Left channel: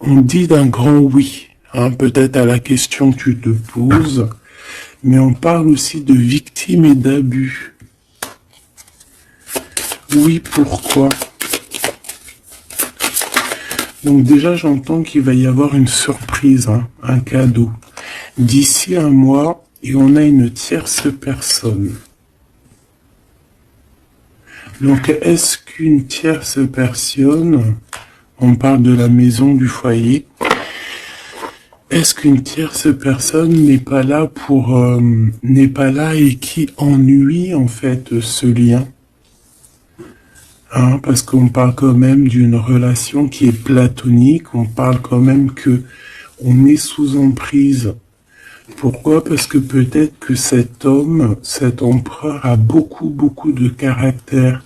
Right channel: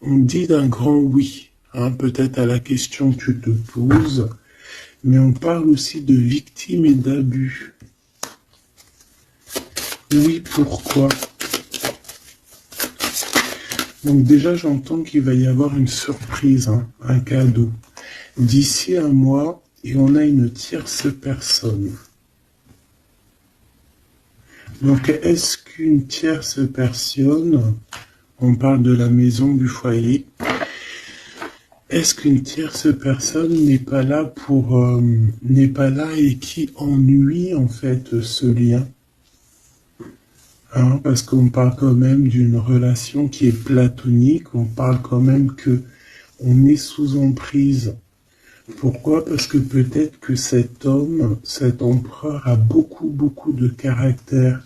On dit d'un grand oui, hein, peut-être à la question que tu te poses, mais on parle aussi de victimes et d'abus. Oui, pourquoi? Donc déjà, j'entends qu'il va y avoir une surprise, hein, un cadeau. D'ici un mois, et on a une tierce personne. Donc, est-ce qu'une tierce personne, on parle de la maison, du foyer, est-ce qu'une tierce personne n'est pas là n'est pas là et qui ennuie en fait ce lien, hein, parce qu'on parle quand même d'une relation qui est platonique, on parle quand même que on est sous emprise. Pourquoi? Parce que peut-être que cet homme, cet empereur a beaucoup de caractère,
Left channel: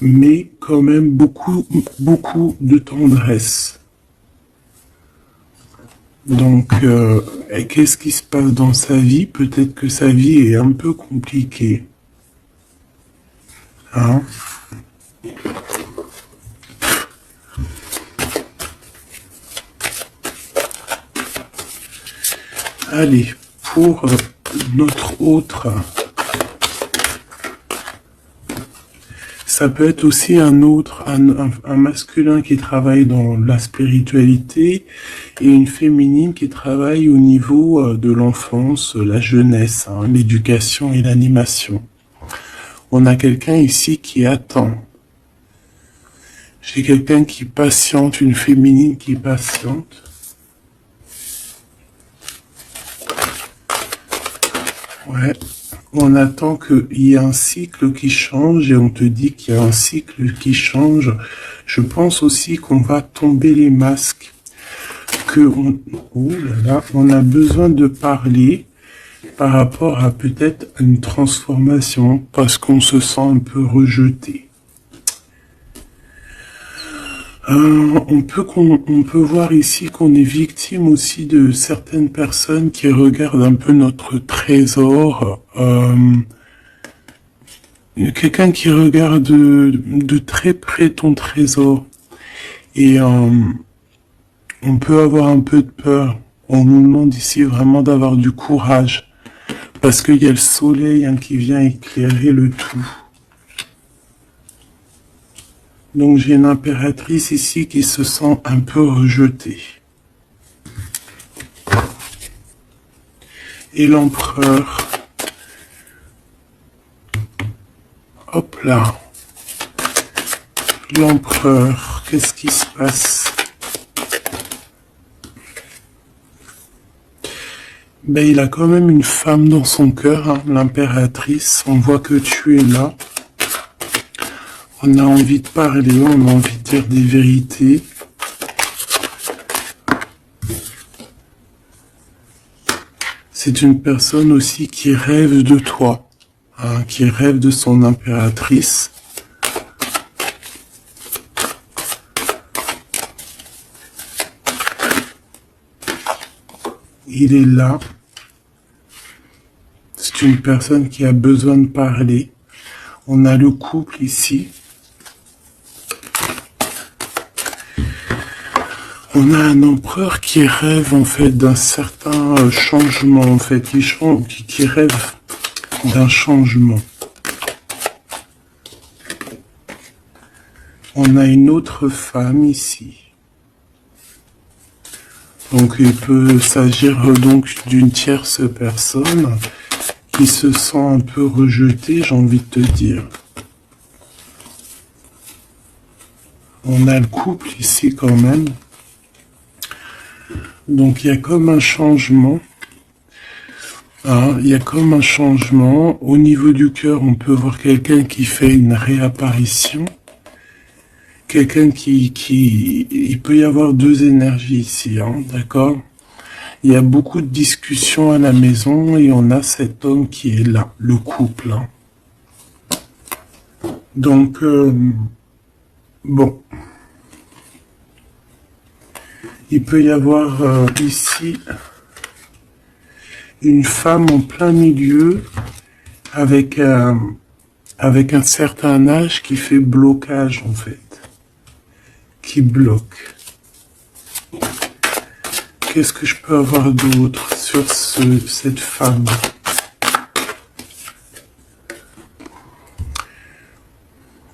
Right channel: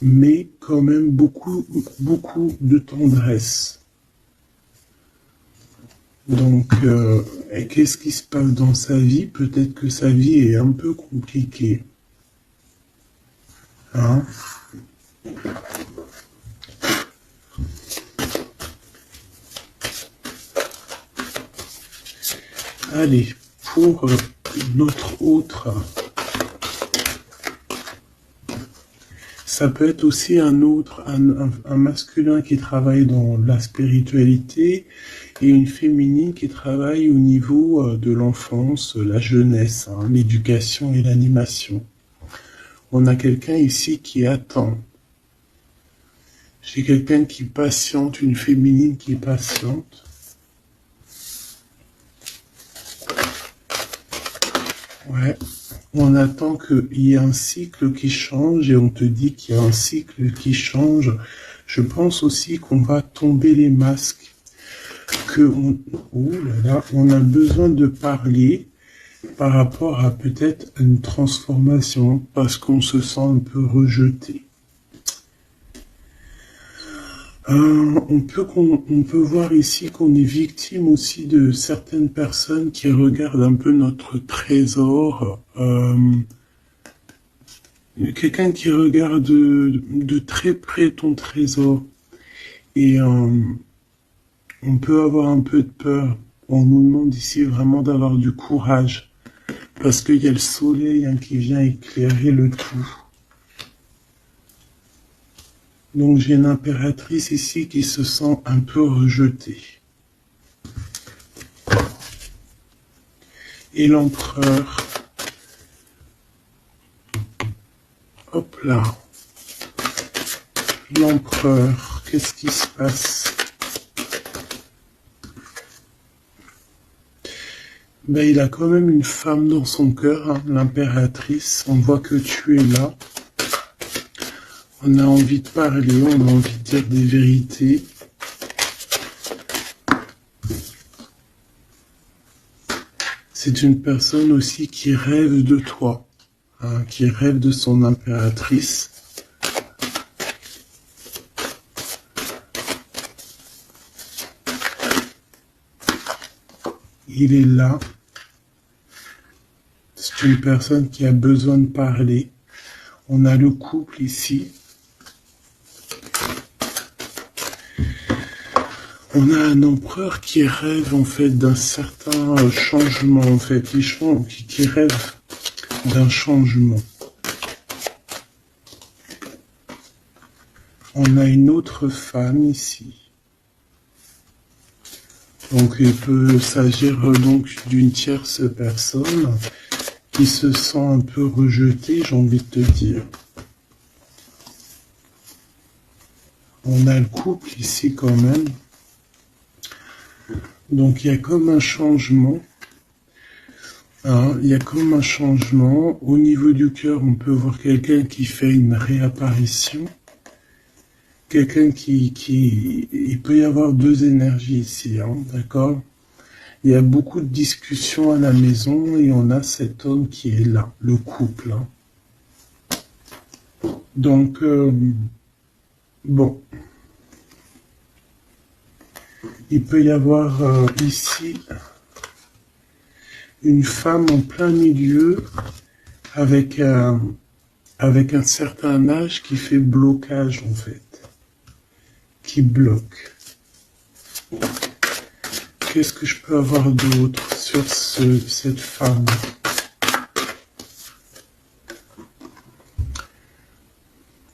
mais quand même beaucoup de tendresse. Donc, et qu'est-ce qui se passe dans sa vie? Peut-être que sa vie est un peu compliquée. Hein? Allez, pour notre autre, ça peut être aussi un masculin qui travaille dans la spiritualité et une féminine qui travaille au niveau de l'enfance, la jeunesse, hein, l'éducation et l'animation. On a quelqu'un ici qui attend. J'ai quelqu'un qui patiente, une féminine qui patiente. Ouais. On attend qu'il y ait un cycle qui change et on te dit qu'il y a un cycle qui change. Je pense aussi qu'on va tomber les masques. On a besoin de parler par rapport à peut-être une transformation parce qu'on se sent un peu rejeté. On peut voir ici qu'on est victime aussi de certaines personnes qui regardent un peu notre trésor. Quelqu'un qui regarde de très près ton trésor. Et on peut avoir un peu de peur. On nous demande ici vraiment d'avoir du courage. Parce qu'il y a le soleil, hein, qui vient éclairer le tout. Donc j'ai une impératrice ici qui se sent un peu rejetée. Et l'empereur. Hop là. L'empereur, qu'est-ce qui se passe? Ben, il a quand même une femme dans son cœur, hein, l'impératrice. On voit que tu es là. On a envie de parler, on a envie de dire des vérités. C'est une personne aussi qui rêve de toi, hein, qui rêve de son impératrice. Il est là. C'est une personne qui a besoin de parler. On a le couple ici. On a un empereur qui rêve en fait d'un certain changement, en fait, qui rêve d'un changement. On a une autre femme ici. Donc il peut s'agir donc d'une tierce personne qui se sent un peu rejetée, j'ai envie de te dire. On a le couple ici quand même. Donc il y a comme un changement. Hein, il y a comme un changement. Au niveau du cœur, on peut voir quelqu'un qui fait une réapparition. Quelqu'un il peut y avoir deux énergies ici, hein, d'accord? Il y a beaucoup de discussions à la maison et on a cet homme qui est là, le couple. Hein. Donc, bon. Il peut y avoir ici une femme en plein milieu avec un certain âge qui fait blocage en fait. qui bloque. Qu'est-ce que je peux avoir d'autre sur cette femme?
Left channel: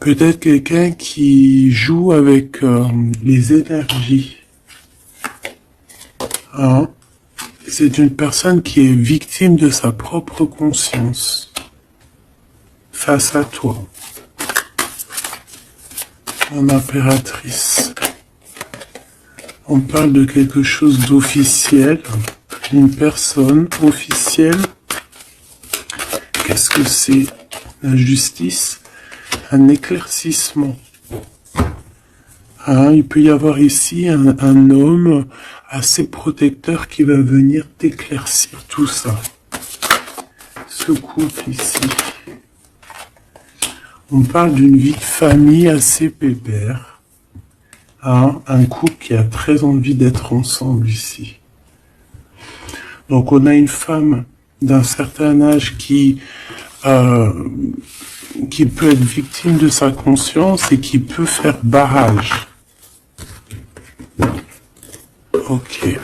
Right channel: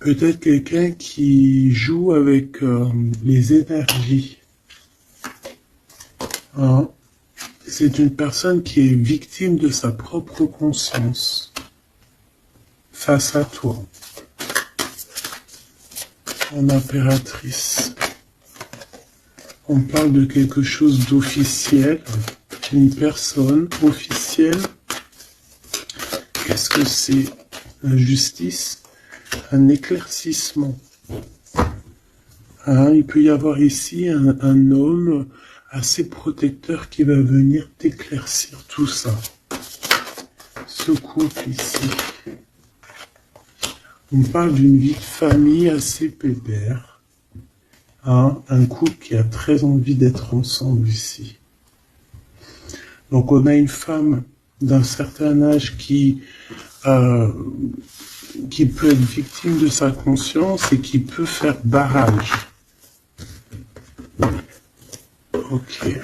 Peut-être quelqu'un qui joue avec les énergies. Hein? C'est une personne qui est victime de sa propre conscience face à toi. Mon impératrice. On parle de quelque chose d'officiel, une personne officielle. Qu'est-ce que c'est? La justice, un éclaircissement. Hein, il peut y avoir ici un homme assez protecteur qui va venir t'éclaircir tout ça. Ce couple ici. On parle d'une vie de famille assez pépère. Hein, un couple qui a très envie d'être ensemble ici. Donc on a une femme d'un certain âge qui peut être victime de sa conscience et qui peut faire barrage. Ok.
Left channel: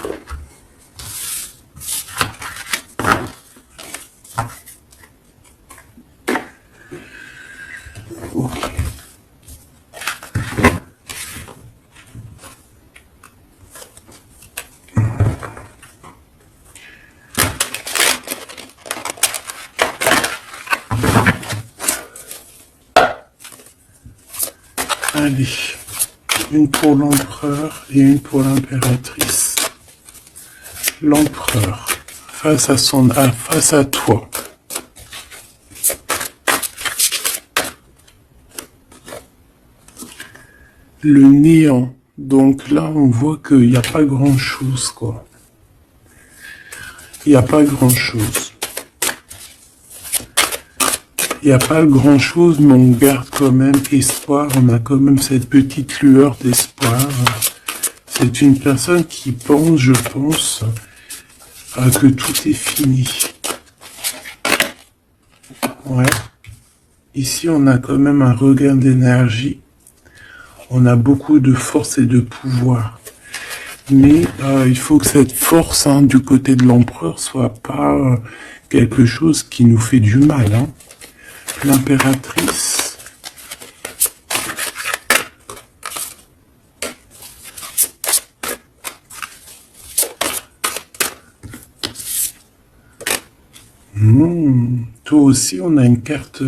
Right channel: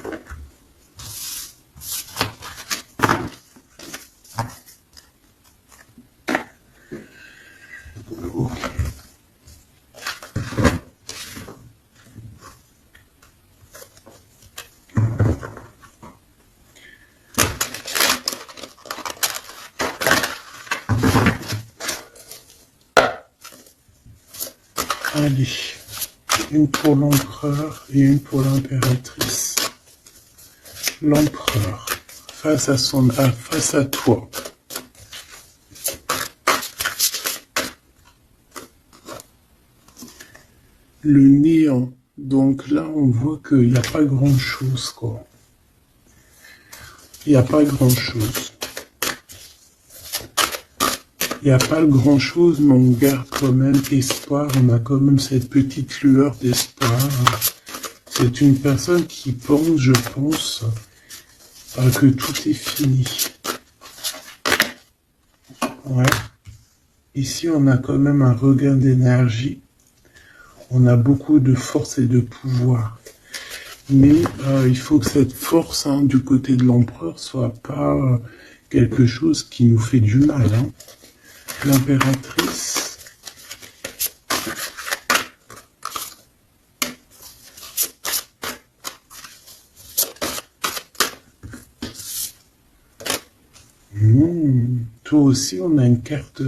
Allez, une pour l'empereur et une pour l'impératrice. L'empereur, face à toi. Le néant. Donc là, on voit qu'il n'y a pas grand-chose, quoi. Il n'y a pas grand-chose. Il n'y a pas grand-chose, mais on garde quand même espoir. On a quand même cette petite lueur d'espoir. C'est une personne qui pense, je pense, que tout est fini. Ouais. Ici, on a quand même un regain d'énergie. On a beaucoup de force et de pouvoir. Mais il faut que cette force du côté de l'empereur soit pas quelque chose qui nous fait du mal. Hein. L'impératrice. Toi aussi, on a une carte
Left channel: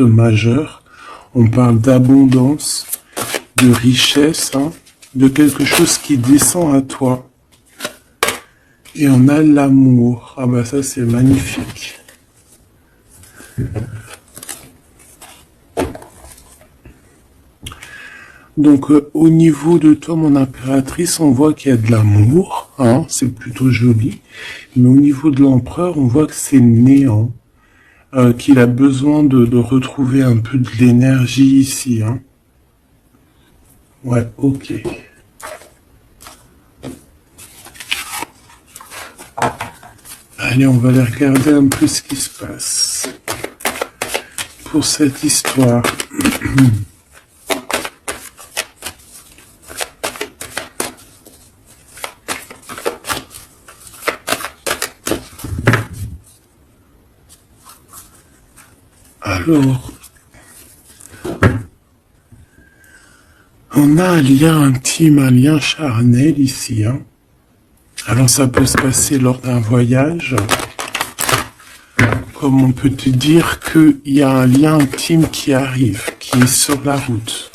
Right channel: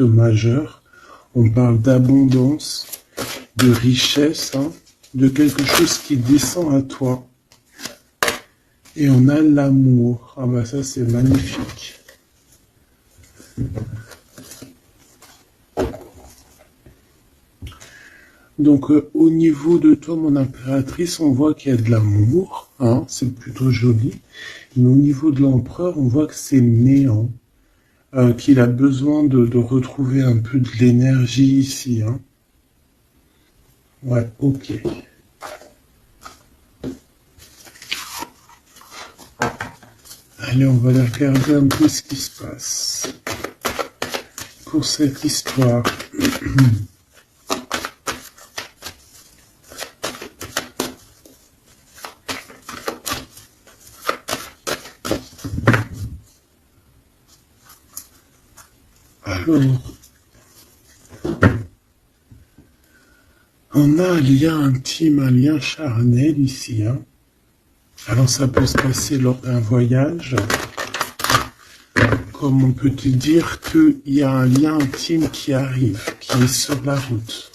majeure. On parle d'abondance, de richesse, de quelque chose qui descend à toi. Et on a l'amour. Ah bah ça, c'est magnifique. Donc au niveau de toi, mon impératrice, on voit qu'il y a de l'amour, c'est plutôt joli. Mais au niveau de l'empereur, on voit que c'est néant, qu'il a besoin de retrouver un peu de l'énergie ici. Hein. Ouais, ok. Allez, on va aller regarder un peu ce qui se passe pour cette histoire. Alors, on a un lien intime, un lien charnel ici. Hein. Alors ça peut se passer lors d'un voyage, comme on peut te dire qu'il y a un lien intime qui arrive, qui est sur la route.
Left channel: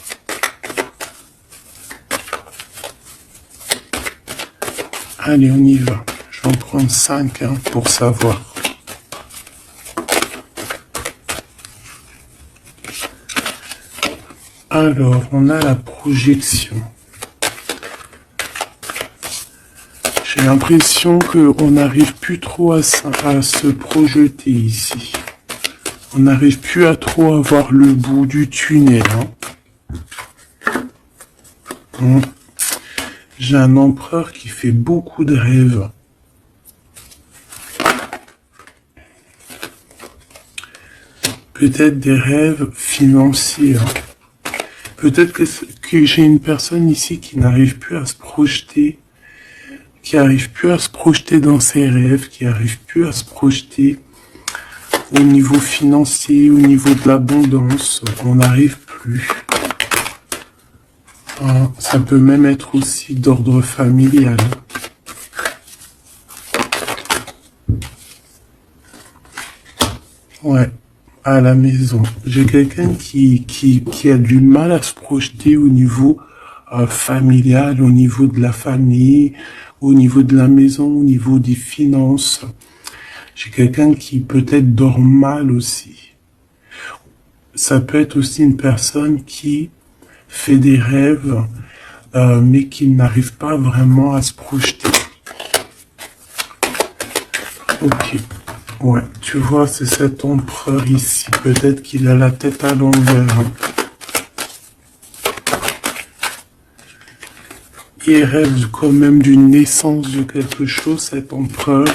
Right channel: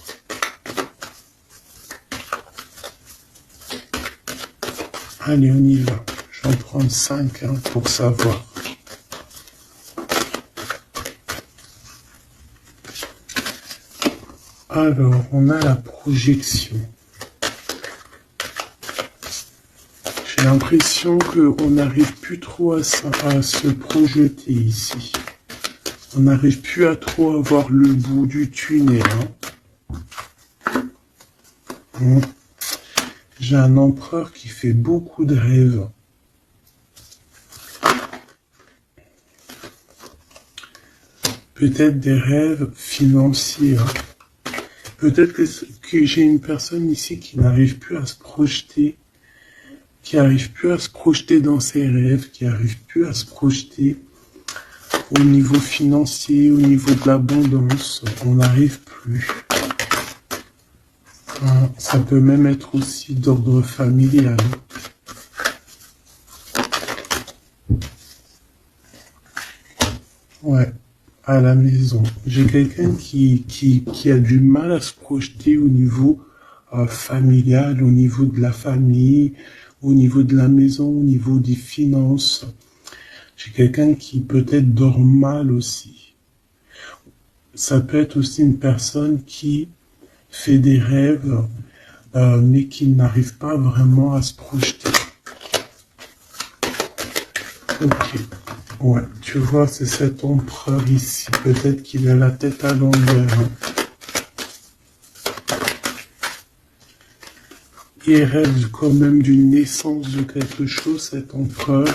Allez, on y va. Je vais en prendre 5 pour savoir. Alors, on a la projection. J'ai l'impression qu'on n'arrive plus trop à se projeter ici. On n'arrive plus à trop avoir le bout du tunnel. J'ai un empereur qui fait beaucoup de rêves. Peut-être des rêves financiers. Peut-être que j'ai une personne ici qui n'arrive plus à se projeter, qui n'arrive plus à se projeter dans ses rêves, qui n'arrive plus à se projeter au niveau financier, au niveau de l'abondance. On n'arrive plus. Ça peut même être aussi d'ordre familial. Ouais, à la maison. J'ai quelqu'un qui a du mal à se projeter au niveau familial, au niveau de la famille, au niveau de la maison, au niveau des finances. J'ai quelqu'un qui peut-être dort mal aussi. Ça peut être aussi une personne qui fait des rêves, mais qui n'arrive pas vraiment à se projeter. Ok. Ouais, tu vois, c'est cet empereur ici. Peut-être qu'il a la tête à l'envers. Il rêve quand même d'une naissance de quelque chose, cet empereur.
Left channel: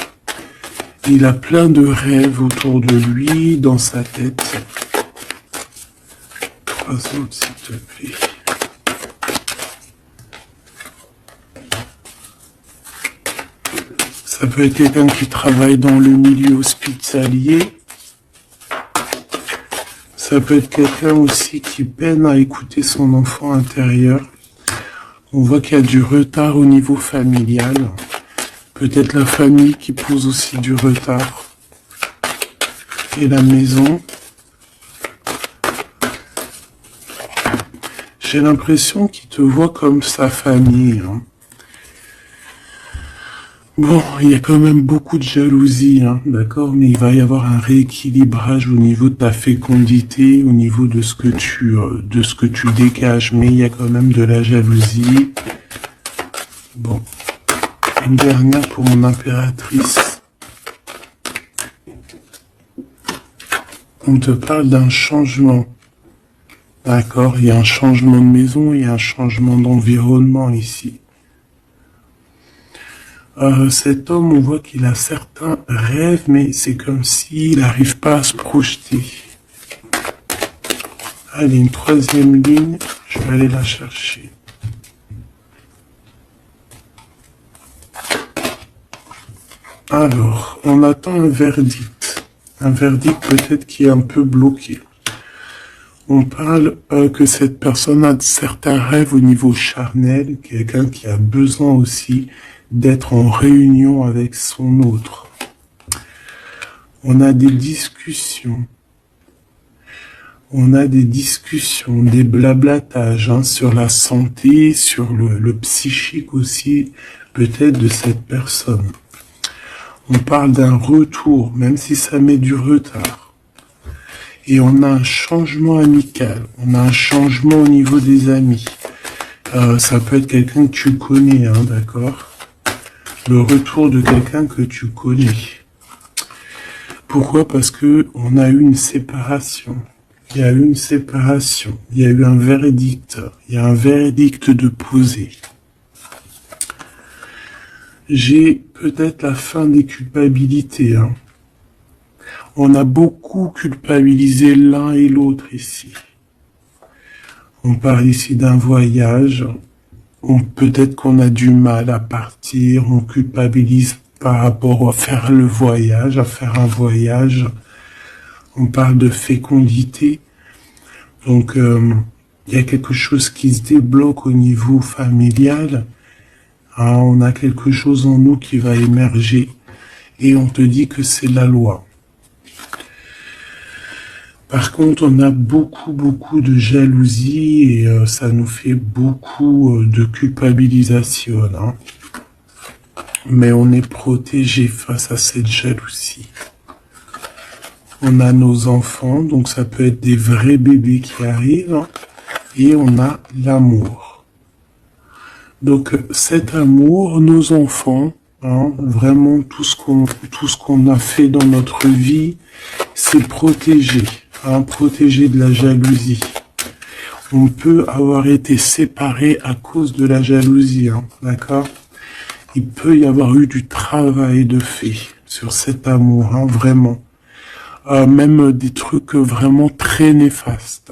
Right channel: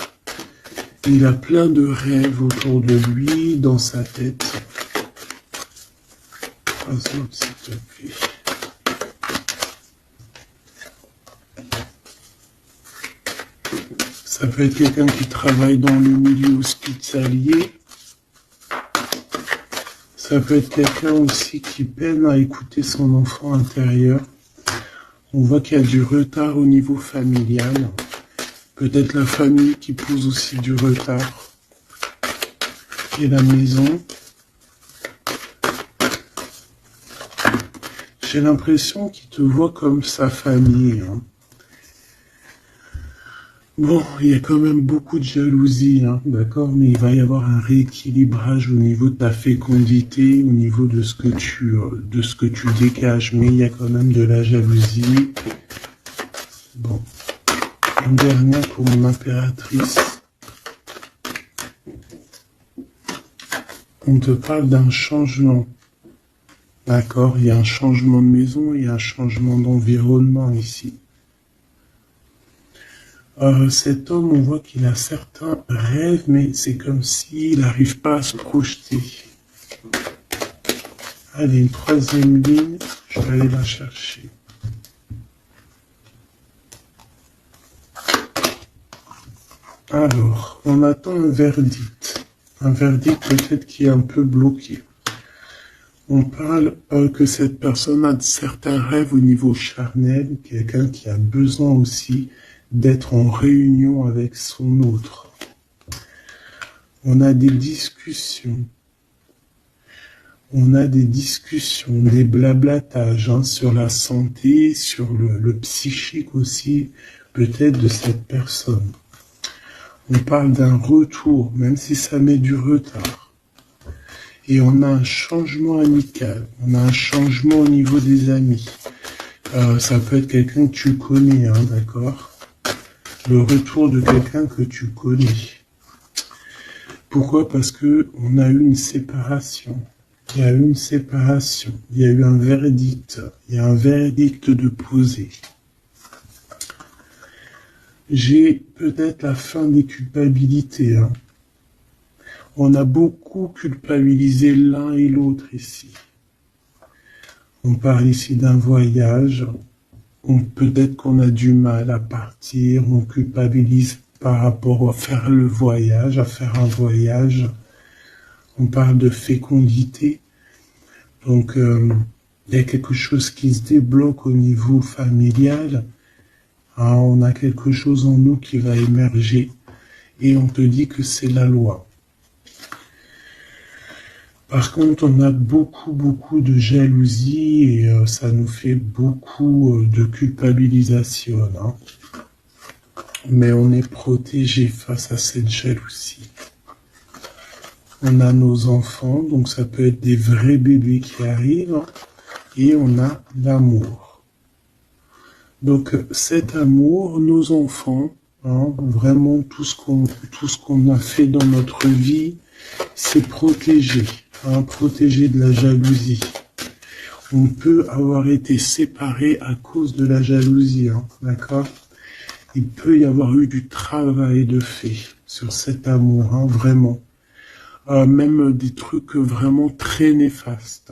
Il a plein de rêves autour de lui, dans sa tête. 3 autres, s'il te plaît. Ça peut être quelqu'un qui travaille dans le milieu hospitalier. Ça peut être quelqu'un aussi qui peine à écouter son enfant intérieur. On voit qu'il y a du retard au niveau familial. Peut-être la famille qui pose aussi du retard. Et la maison. J'ai l'impression qu'il te voit comme sa famille. Bon, il y a quand même beaucoup de jalousie, d'accord, mais il va y avoir un rééquilibrage au niveau de ta fécondité, au niveau de ce que tu dégages, mais il y a quand même de la jalousie. Bon, une dernière pour mon impératrice. On te parle d'un changement, d'accord, il y a un changement de maison, il y a un changement d'environnement ici. Cet homme, on voit qu'il a certains rêves, mais c'est comme s'il n'arrive pas à se projeter. Allez, une 3e ligne, je vais aller la chercher. Alors, on attend un verdict. Un verdict peut-être qui est un peu bloqué. On parle que cette personne a certains rêves au niveau charnel, quelqu'un qui a besoin aussi d'être en réunion avec son autre. On a des discussions. On a des discussions, des blablatages sur la santé, sur le psychique aussi, peut-être de cette personne. On parle d'un retour, même si ça met du retard. Et on a un changement amical, on a un changement au niveau des amis. Ça peut être quelqu'un que tu connais, d'accord ? Le retour de quelqu'un que tu connais. Pourquoi? Parce que on a eu une séparation. Il y a eu une séparation. Il y a eu un verdict. Il y a un verdict de poser. J'ai peut-être la fin des culpabilités. On a beaucoup culpabilisé l'un et l'autre ici. On parle ici d'un voyage. Peut-être qu'on a du mal à partir, on culpabilise par rapport à faire le voyage, à faire un voyage. On parle de fécondité. Donc, il y a quelque chose qui se débloque au niveau familial. On a quelque chose en nous qui va émerger. Et on te dit que c'est la loi. Par contre, on a beaucoup de jalousie et ça nous fait beaucoup de culpabilisation. Mais on est protégé face à cette jalousie. On a nos enfants, donc ça peut être des vrais bébés qui arrivent. Et on a l'amour. Donc cet amour, nos enfants, vraiment tout ce qu'on a fait dans notre vie, c'est protégé. Protégé de la jalousie. On peut avoir été séparé à cause de la jalousie, d'accord? Il peut y avoir eu du travail de fait sur cet amour, vraiment. Même des trucs vraiment très néfastes.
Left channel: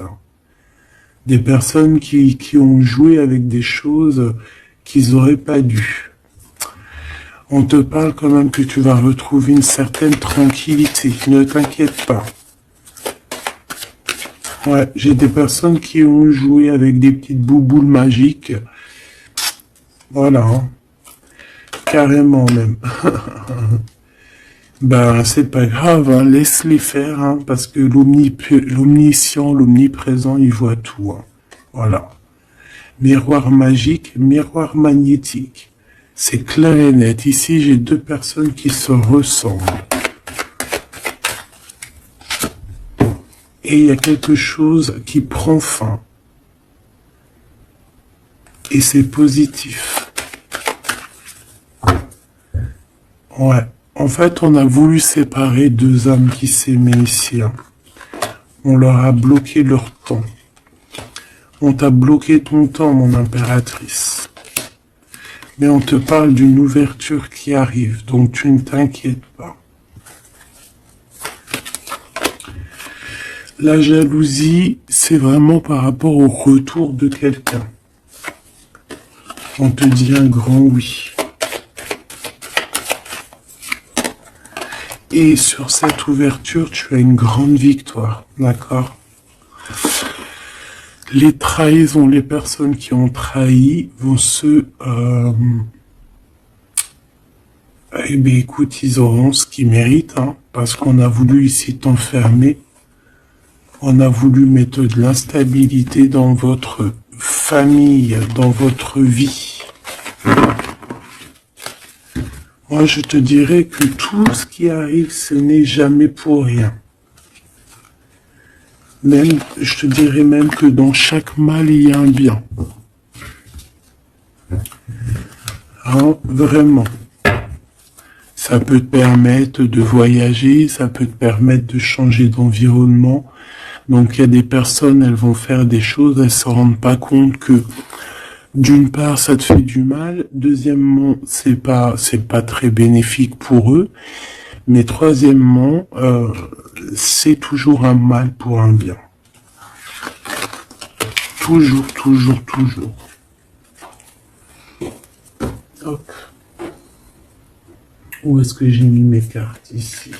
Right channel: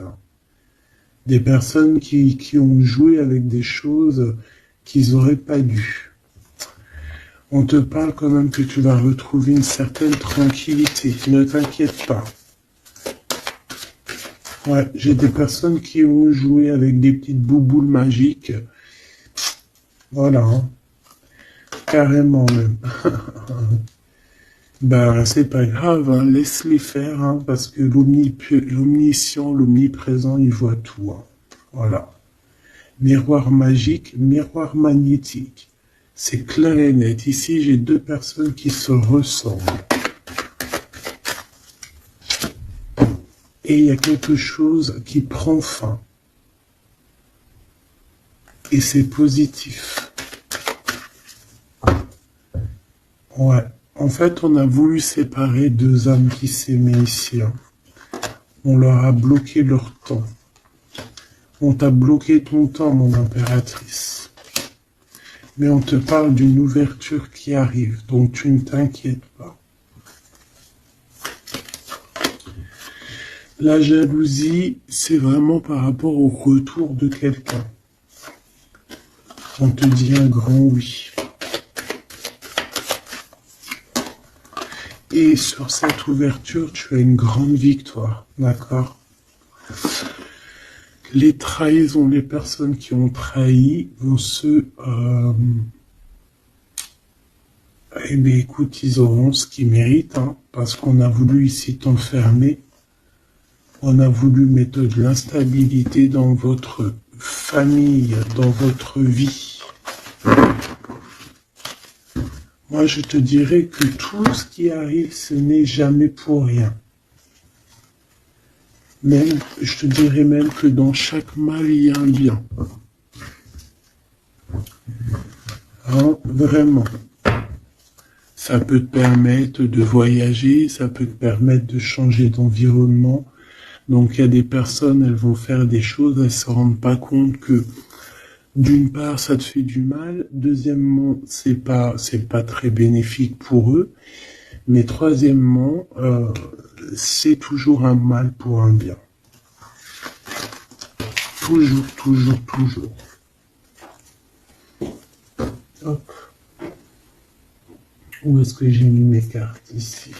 Des personnes qui ont joué avec des choses qu'ils n'auraient pas dû. On te parle quand même que tu vas retrouver une certaine tranquillité. Ne t'inquiète pas. Ouais, j'ai des personnes qui ont joué avec des petites bouboules magiques. Voilà. Hein. Carrément même. Ben, c'est pas grave, hein. Laisse-les faire, hein, parce que l'omniscient, l'omniprésent, il voit tout. Hein. Voilà. Miroir magique, miroir magnétique. C'est clair et net. Ici, j'ai deux personnes qui se ressemblent. Et il y a quelque chose qui prend fin. Et c'est positif. Ouais. En fait, on a voulu séparer deux âmes qui s'aimaient ici. Hein. On leur a bloqué leur temps. On t'a bloqué ton temps, mon impératrice. Mais on te parle d'une ouverture qui arrive, donc tu ne t'inquiètes pas. La jalousie, c'est vraiment par rapport au retour de quelqu'un. On te dit un grand oui. Et sur cette ouverture, tu as une grande victoire, d'accord? Les trahisons, les personnes qui ont trahi vont eh bien, écoute, ils auront ce qu'ils méritent, hein, parce qu'on a voulu ici t'enfermer. On a voulu mettre de l'instabilité dans votre famille, dans votre vie. Moi, je te dirais que tout ce qui arrive, ce n'est jamais pour rien. Même, je te dirais même que dans chaque mal, il y a un bien. Hein, vraiment. Ça peut te permettre de voyager, ça peut te permettre de changer d'environnement. Donc, il y a des personnes, elles vont faire des choses, elles ne se rendent pas compte que d'une part, ça te fait du mal. Deuxièmement, c'est pas très bénéfique pour eux. Mais troisièmement, c'est toujours un mal pour un bien. Toujours, toujours, toujours. Hop. Où est-ce que j'ai mis mes cartes ici?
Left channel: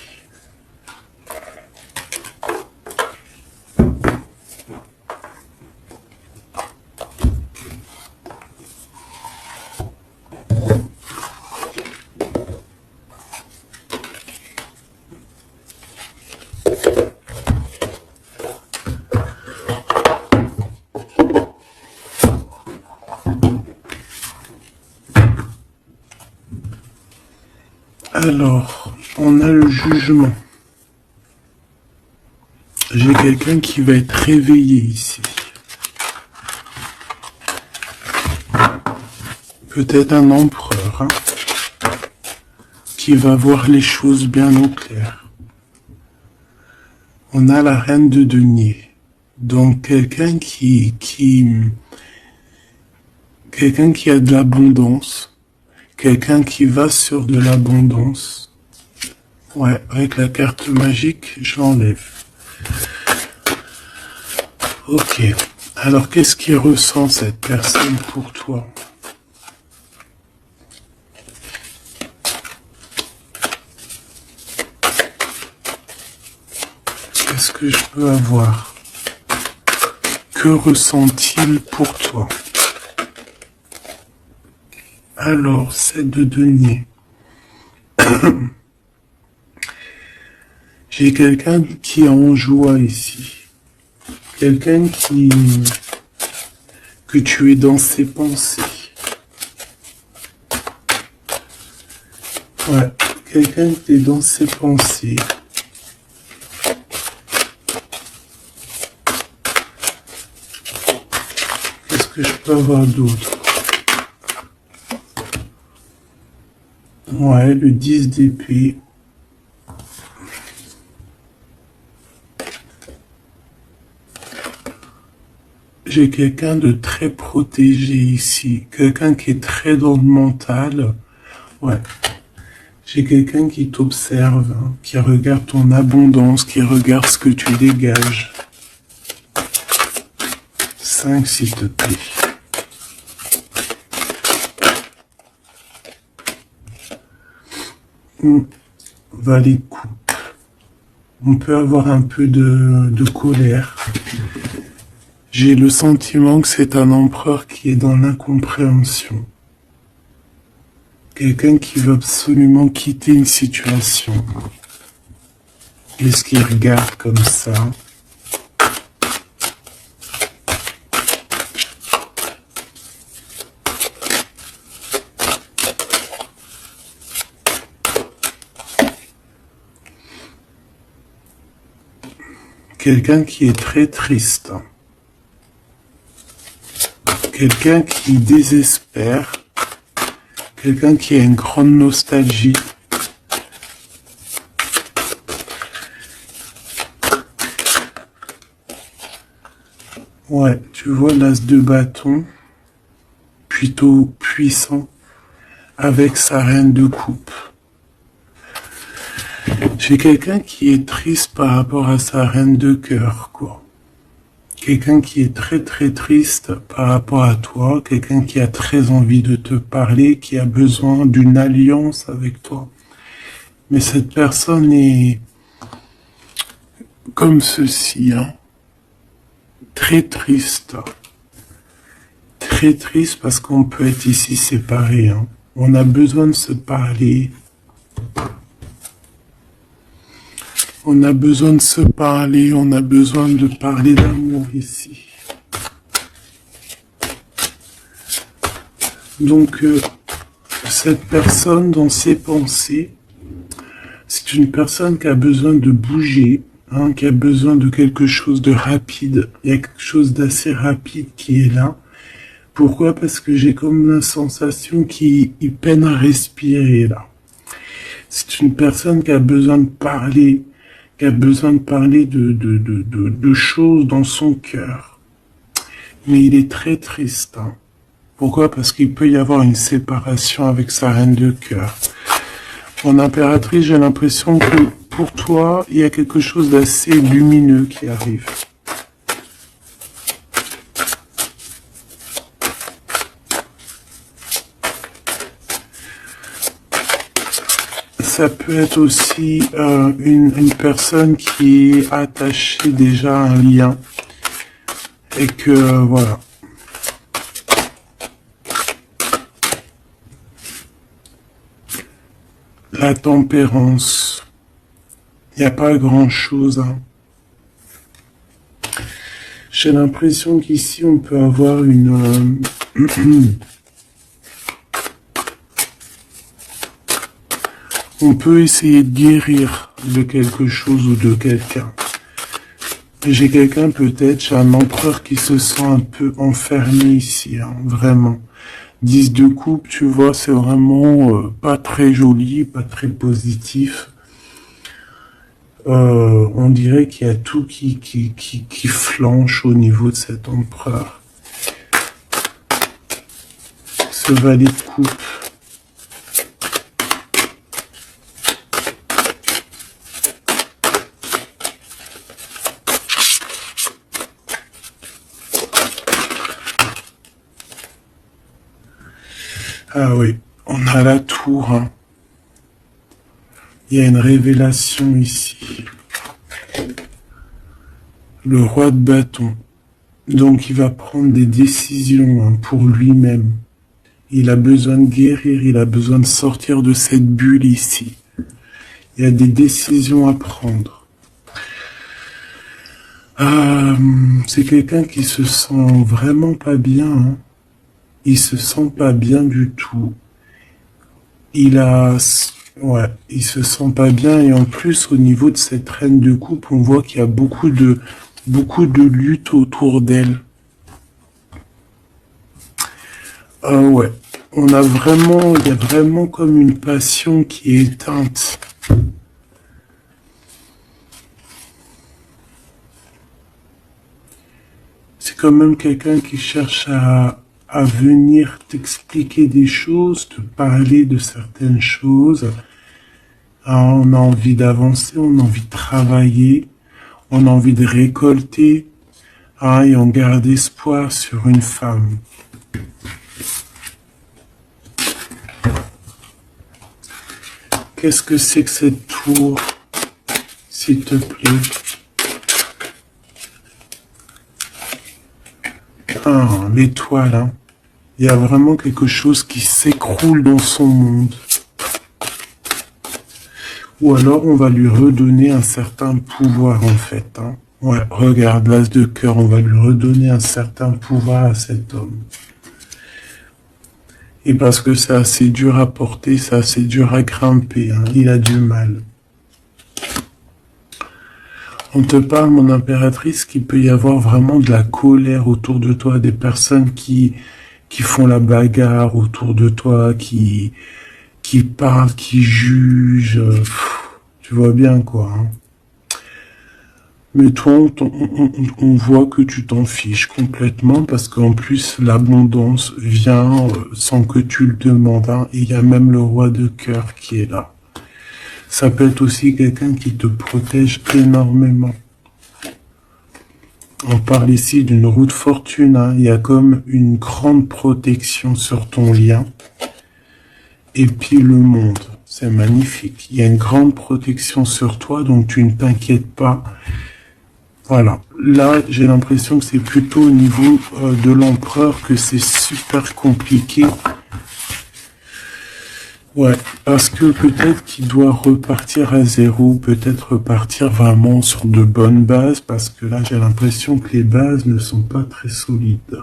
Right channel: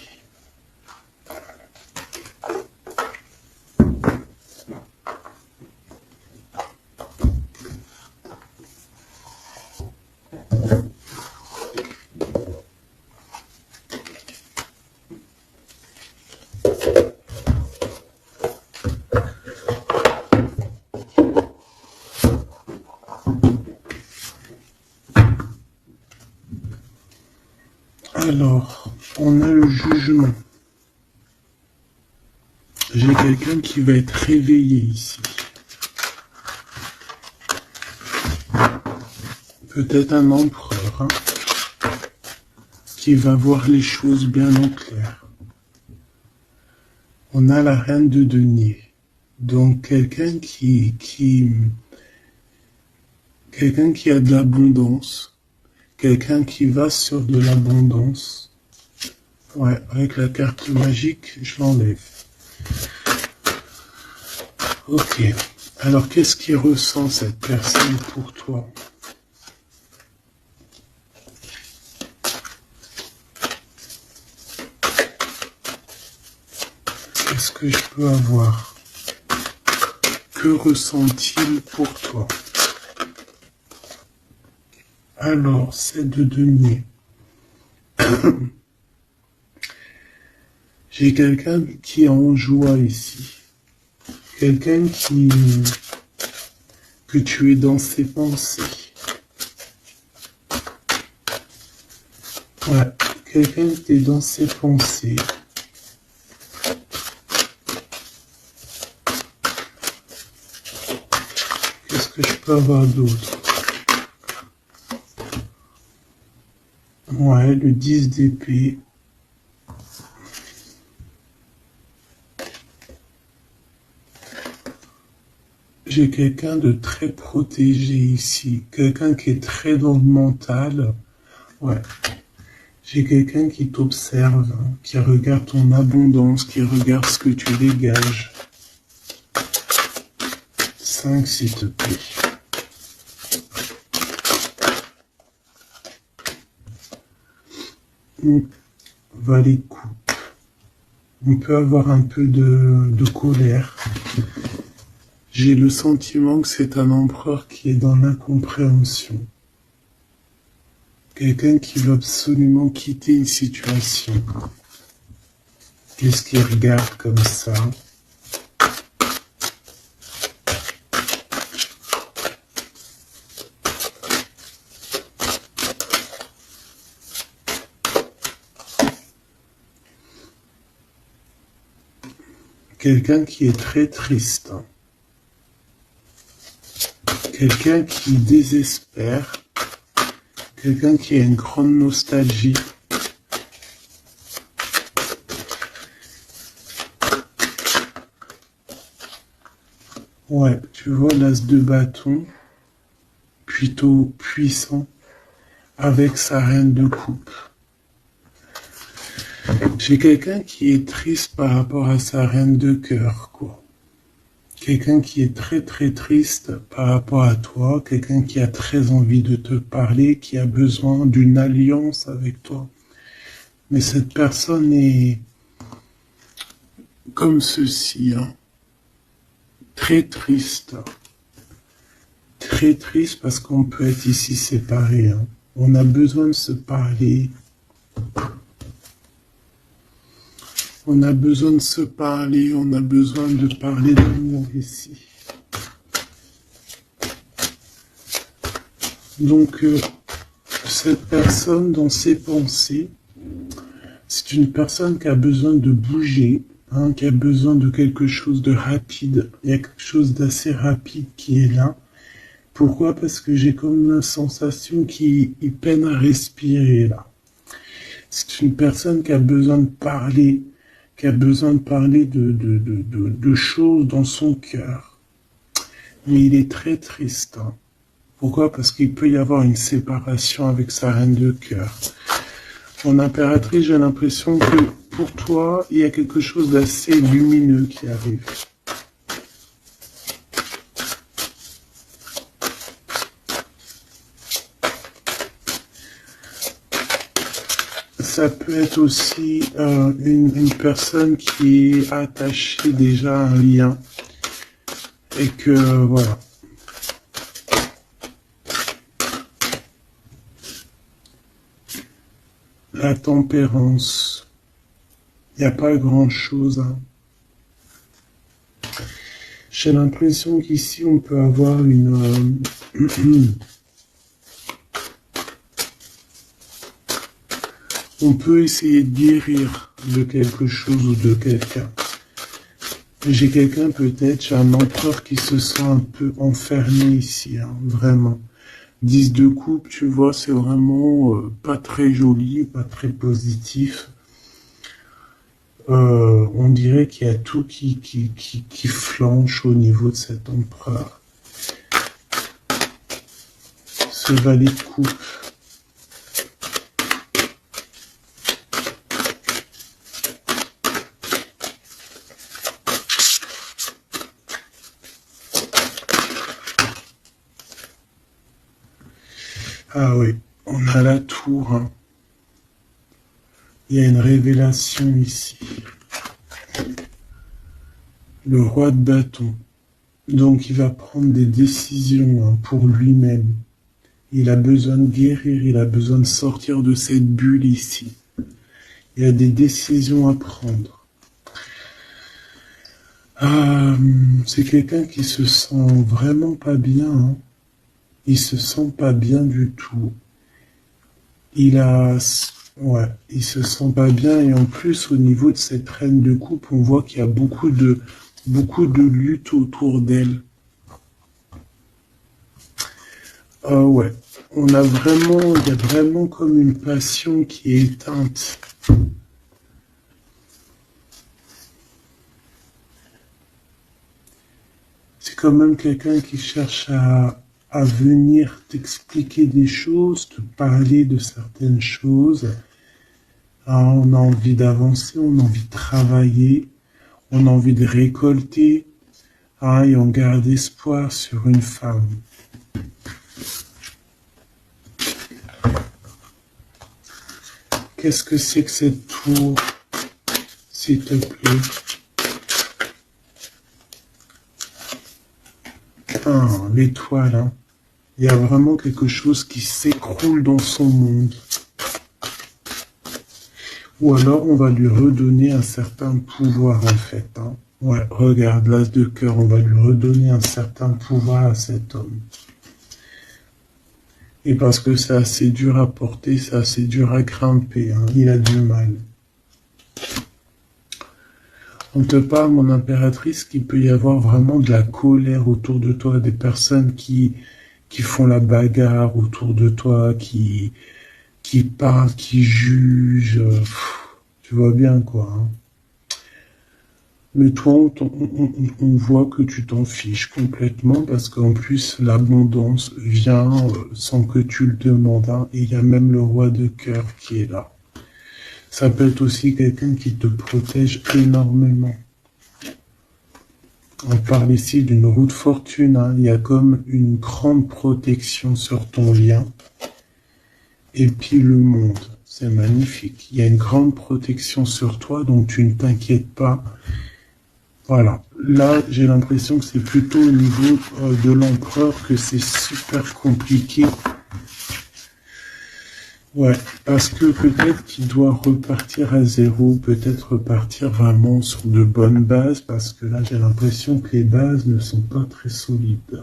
Alors, on a le jugement. J'ai quelqu'un qui va être réveillé ici. Peut-être un empereur, hein, qui va voir les choses bien au clair. On a la reine de denier. Donc, quelqu'un qui a de l'abondance. Quelqu'un qui va sur de l'abondance. Ouais, avec la carte magique, je l'enlève. Ok. Alors, qu'est-ce qu'il ressent cette personne pour toi? Qu'est-ce que je peux avoir? Que ressent-il pour toi? Alors, c'est de denier. J'ai quelqu'un qui est en joie ici. Quelqu'un que tu es dans ses pensées. Ouais, quelqu'un qui est dans ses pensées. Qu'est-ce que je peux avoir d'autre? Ouais, le 10 d'épée. J'ai quelqu'un de très protégé ici. Quelqu'un qui est très dans le mental. Ouais. J'ai quelqu'un qui t'observe, hein, qui regarde ton abondance, qui regarde ce que tu dégages. 5, s'il te plaît. Valet de coupe. On peut avoir un peu de colère. J'ai le sentiment que c'est un empereur qui est dans l'incompréhension. Quelqu'un qui veut absolument quitter une situation. Qu'est-ce qu'il regarde comme ça? Quelqu'un qui est très triste. Quelqu'un qui désespère. Quelqu'un qui a une grande nostalgie. Ouais, tu vois l'as de bâton, plutôt puissant, avec sa reine de coupe. J'ai quelqu'un qui est triste par rapport à sa reine de cœur, quoi. Quelqu'un qui est très très triste par rapport à toi, quelqu'un qui a très envie de te parler, qui a besoin d'une alliance avec toi. Mais cette personne est comme ceci, hein. Très triste. Très triste parce qu'on peut être ici séparés, hein. On a besoin de se parler. On a besoin de se parler, on a besoin de parler d'amour ici. Donc, cette personne, dans ses pensées, c'est une personne qui a besoin de bouger, hein, qui a besoin de quelque chose de rapide. Il y a quelque chose d'assez rapide qui est là. Pourquoi? Parce que j'ai comme la sensation qu'il peine à respirer, là. C'est une personne qui a besoin de parler, qui a besoin de parler de choses dans son cœur. Mais il est très triste. Hein. Pourquoi? Parce qu'il peut y avoir une séparation avec sa reine de cœur. En impératrice, j'ai l'impression que pour toi, il y a quelque chose d'assez lumineux qui arrive. Ça peut être aussi une personne qui est attachée déjà à un lien et que voilà. La tempérance, il n'y a pas grand-chose. Hein. J'ai l'impression qu'ici on peut avoir une on peut essayer de guérir de quelque chose ou de quelqu'un. J'ai quelqu'un peut-être, j'ai un empereur qui se sent un peu enfermé ici, hein, vraiment. 10 de coupe, tu vois, c'est vraiment pas très joli, pas très positif. On dirait qu'il y a tout qui flanche au niveau de cet empereur. Ce valet de coupe. Ah oui, on a la tour. Hein. Il y a une révélation ici. Le roi de bâton. Donc il va prendre des décisions hein, pour lui-même. Il a besoin de guérir, il a besoin de sortir de cette bulle ici. Il y a des décisions à prendre. C'est quelqu'un qui se sent vraiment pas bien. Hein. Il se sent pas bien du tout. Ouais, il se sent pas bien et en plus au niveau de cette reine de coupe, on voit qu'il y a beaucoup de lutte autour d'elle. Ouais, il y a vraiment comme une passion qui est éteinte. C'est quand même quelqu'un qui cherche à venir t'expliquer des choses, te parler de certaines choses. On a envie d'avancer, on a envie de travailler, on a envie de récolter. Ah, et on garde espoir sur une femme. Qu'est-ce que c'est que cette tour, s'il te plaît? Ah, l'étoile, hein. Il y a vraiment quelque chose qui s'écroule dans son monde. Ou alors on va lui redonner un certain pouvoir en fait. Hein. Ouais, regarde, l'as de cœur, on va lui redonner un certain pouvoir à cet homme. Et parce que c'est assez dur à porter, c'est assez dur à grimper, hein. Il a du mal. On te parle, mon impératrice, qu'il peut y avoir vraiment de la colère autour de toi, des personnes qui font la bagarre autour de toi, qui parlent, qui jugent. Tu vois bien quoi. Hein. Mais toi, on voit que tu t'en fiches complètement parce qu'en plus, l'abondance vient sans que tu le demandes. Hein, et il y a même le roi de cœur qui est là. Ça peut être aussi quelqu'un qui te protège énormément. On parle ici d'une roue de fortune. Hein, il y a comme une grande protection sur ton lien. Et puis le monde, c'est magnifique. Il y a une grande protection sur toi, donc tu ne t'inquiètes pas. Voilà. Là, j'ai l'impression que c'est plutôt au niveau de l'empereur que c'est super compliqué. Ouais, parce que peut-être qu'il doit repartir à zéro, peut-être repartir vraiment sur de bonnes bases, parce que là, j'ai l'impression que les bases ne sont pas très solides.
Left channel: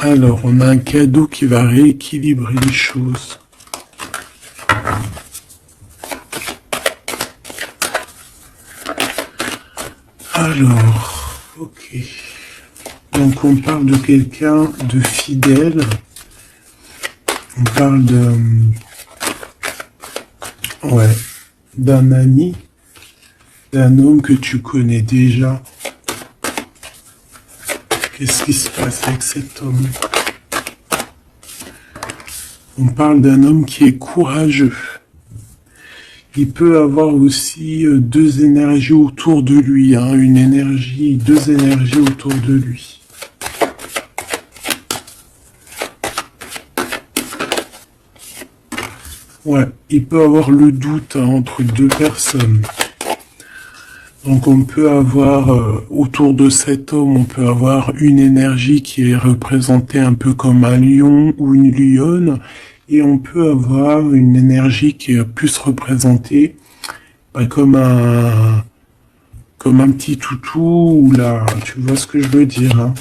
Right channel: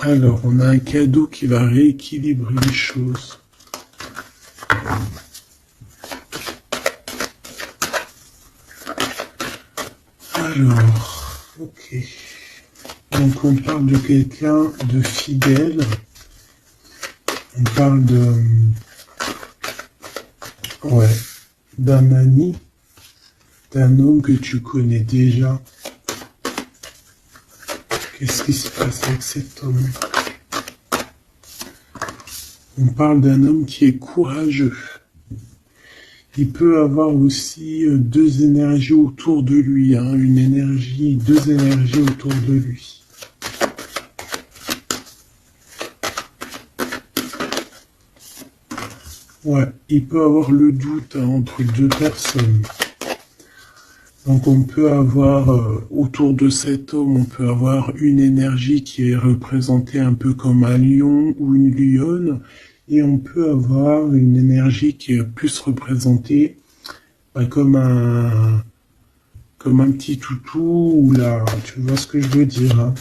Alors, on a un cadeau qui va rééquilibrer les choses. Alors, ok. Donc on parle de quelqu'un de fidèle. On parle ouais, d'un ami, d'un homme que tu connais déjà. Qu'est-ce qui se passe avec cet homme? On parle d'un homme qui est courageux. Il peut avoir aussi deux énergies autour de lui, hein, deux énergies autour de lui. Ouais, il peut avoir le doute hein, entre deux personnes. Donc on peut avoir, autour de cet homme, on peut avoir une énergie qui est représentée un peu comme un lion ou une lionne, et on peut avoir une énergie qui est plus représentée comme un petit toutou, ou là, tu vois ce que je veux dire. Hein.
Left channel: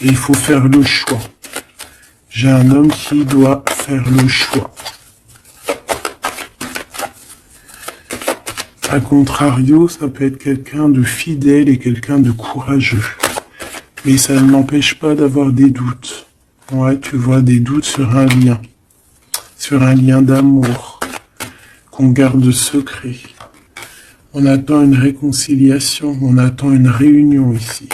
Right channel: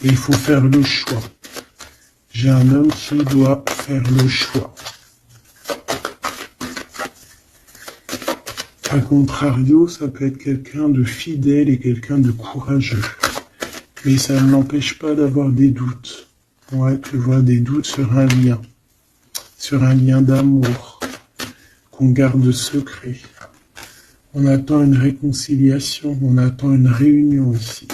Et il faut faire le choix. J'ai un homme qui doit faire le choix. A contrario, ça peut être quelqu'un de fidèle et quelqu'un de courageux. Mais ça ne m'empêche pas d'avoir des doutes. Ouais, tu vois, des doutes sur un lien d'amour qu'on garde secret. On attend une réconciliation, on attend une réunion ici.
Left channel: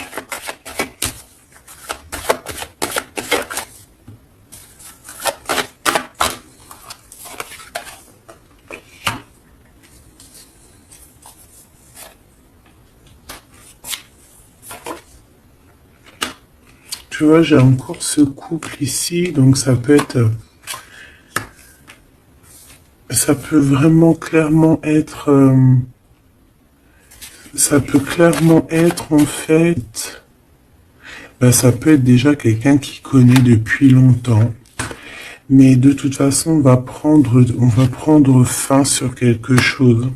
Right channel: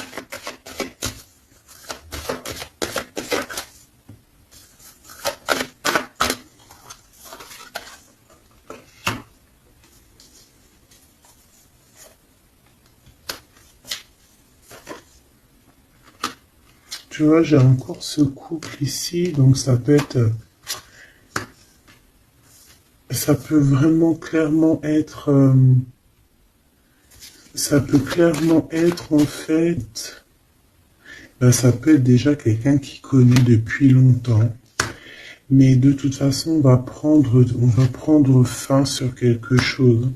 Tu vois, j'ai encore ce couple ici, donc ça peut être... Ça peut vraiment clairement être... ça peut clairement être en fait... ça peut être déjà quelqu'un qui connaît depuis longtemps. Mais de toute façon, on va prendre fin sur quelque chose.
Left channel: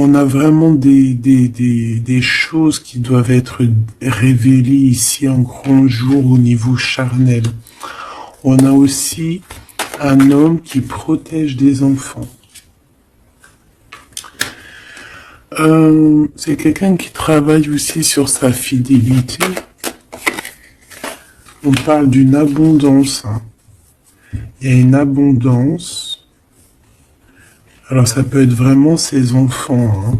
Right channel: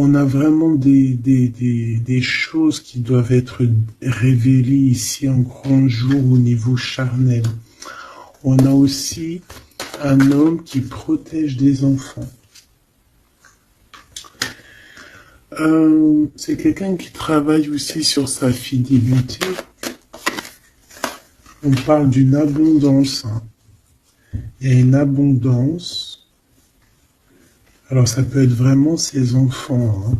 On a vraiment des choses qui doivent être révélées ici en grand jour au niveau charnel. On a aussi un homme qui protège des enfants. C'est quelqu'un qui travaille aussi sur sa fidélité. On parle d'une abondance. Hein. Il y a une abondance. Alors ça peut être vraiment ses enfants. Hein.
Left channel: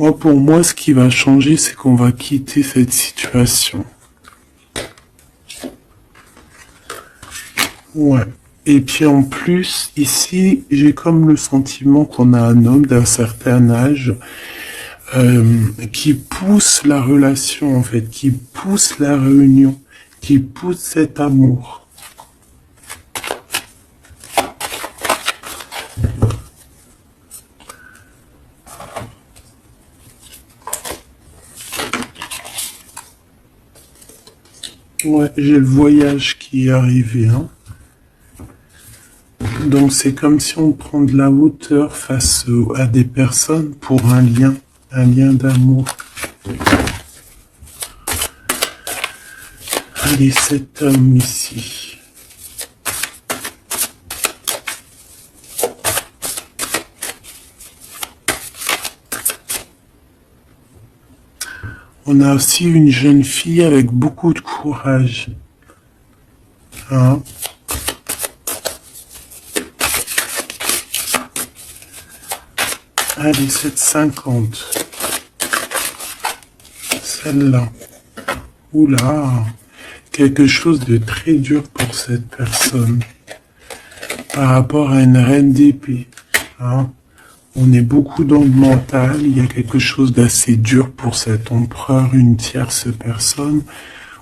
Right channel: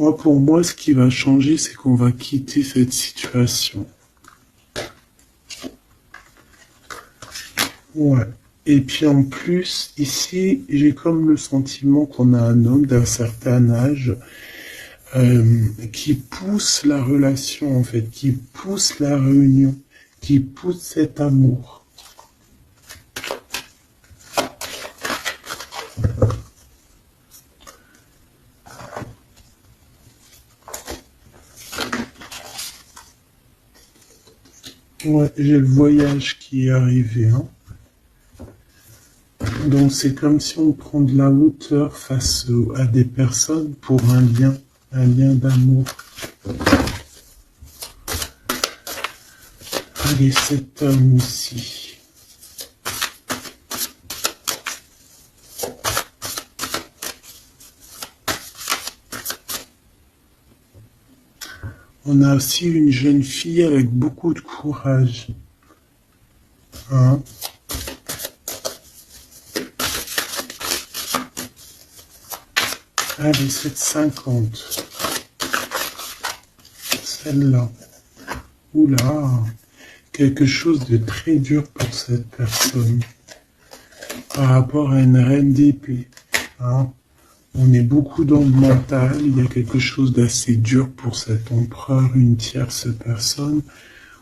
Moi, pour moi, ce qui va changer, c'est qu'on va quitter cette situation. Ouais. Et puis en plus, ici, j'ai comme le sentiment qu'on a un homme d'un certain âge qui pousse la relation, en fait, qui pousse la réunion, qui pousse cet amour. Ouais, j'ai le voyage qui est arrivé, hein. Donc c'est comme si on prend de la hauteur face à des personnes pour un lien d'amour. Allez, cet homme ici. On a aussi une jeune fille avec beaucoup de courage. Hein? Allez, 7,50. Celle-là. Oula. Quelque chose de très dur pour cette personne. Par rapport à une reine d'épée. Hein? On est beaucoup dans le mental. Il y a quelque chose d'assez dur pour cet empereur, une tierce personne.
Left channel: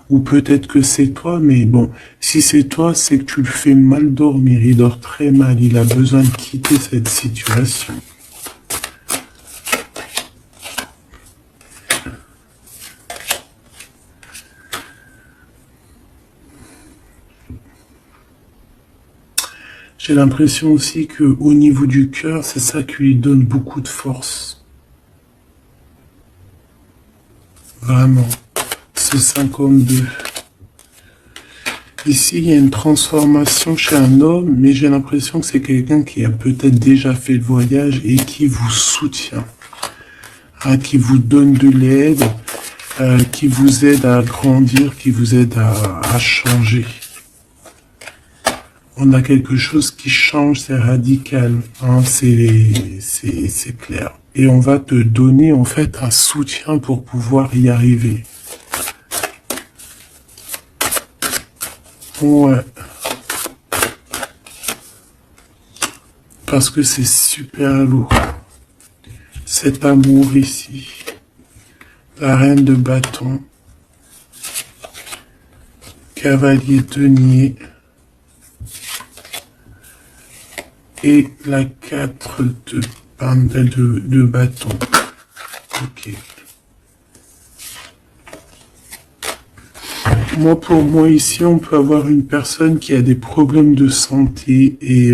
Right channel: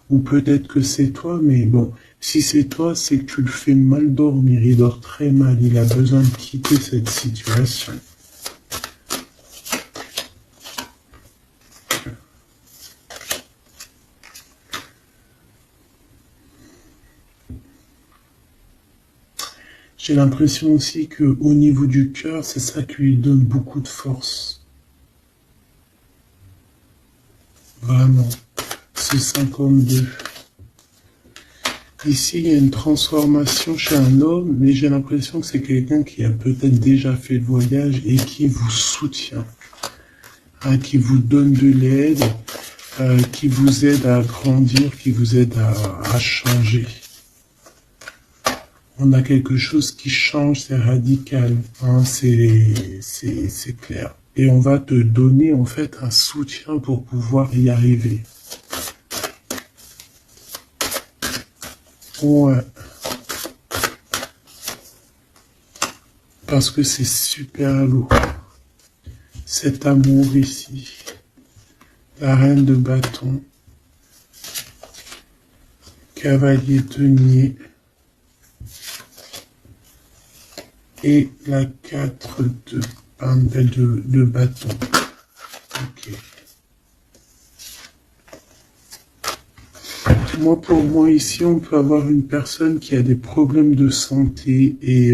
Ou peut-être que c'est toi, mais bon, si c'est toi, c'est que tu le fais mal dormir. Il dort très mal. Il a besoin de quitter cette situation. J'ai l'impression aussi que au niveau du cœur, c'est ça qui lui donne beaucoup de force. Vraiment. C'est 52. Ici, il y a une transformation chez un homme, mais j'ai l'impression que c'est quelqu'un qui a peut-être déjà fait le voyage et qui vous soutient, hein, qui vous donne de l'aide, qui vous aide à grandir, qui vous aide à changer. On a quelque chose qui change, c'est radical, hein, c'est clair. Et on va te donner en fait un soutien pour pouvoir y arriver. Ouais. Parce que c'est super lourd. Cet amour ici. La reine de bâton. Cavalier denier. Et la 4 de bâton. Ok. Moi, pour moi, ici, on peut avoir une personne qui a des problèmes de santé et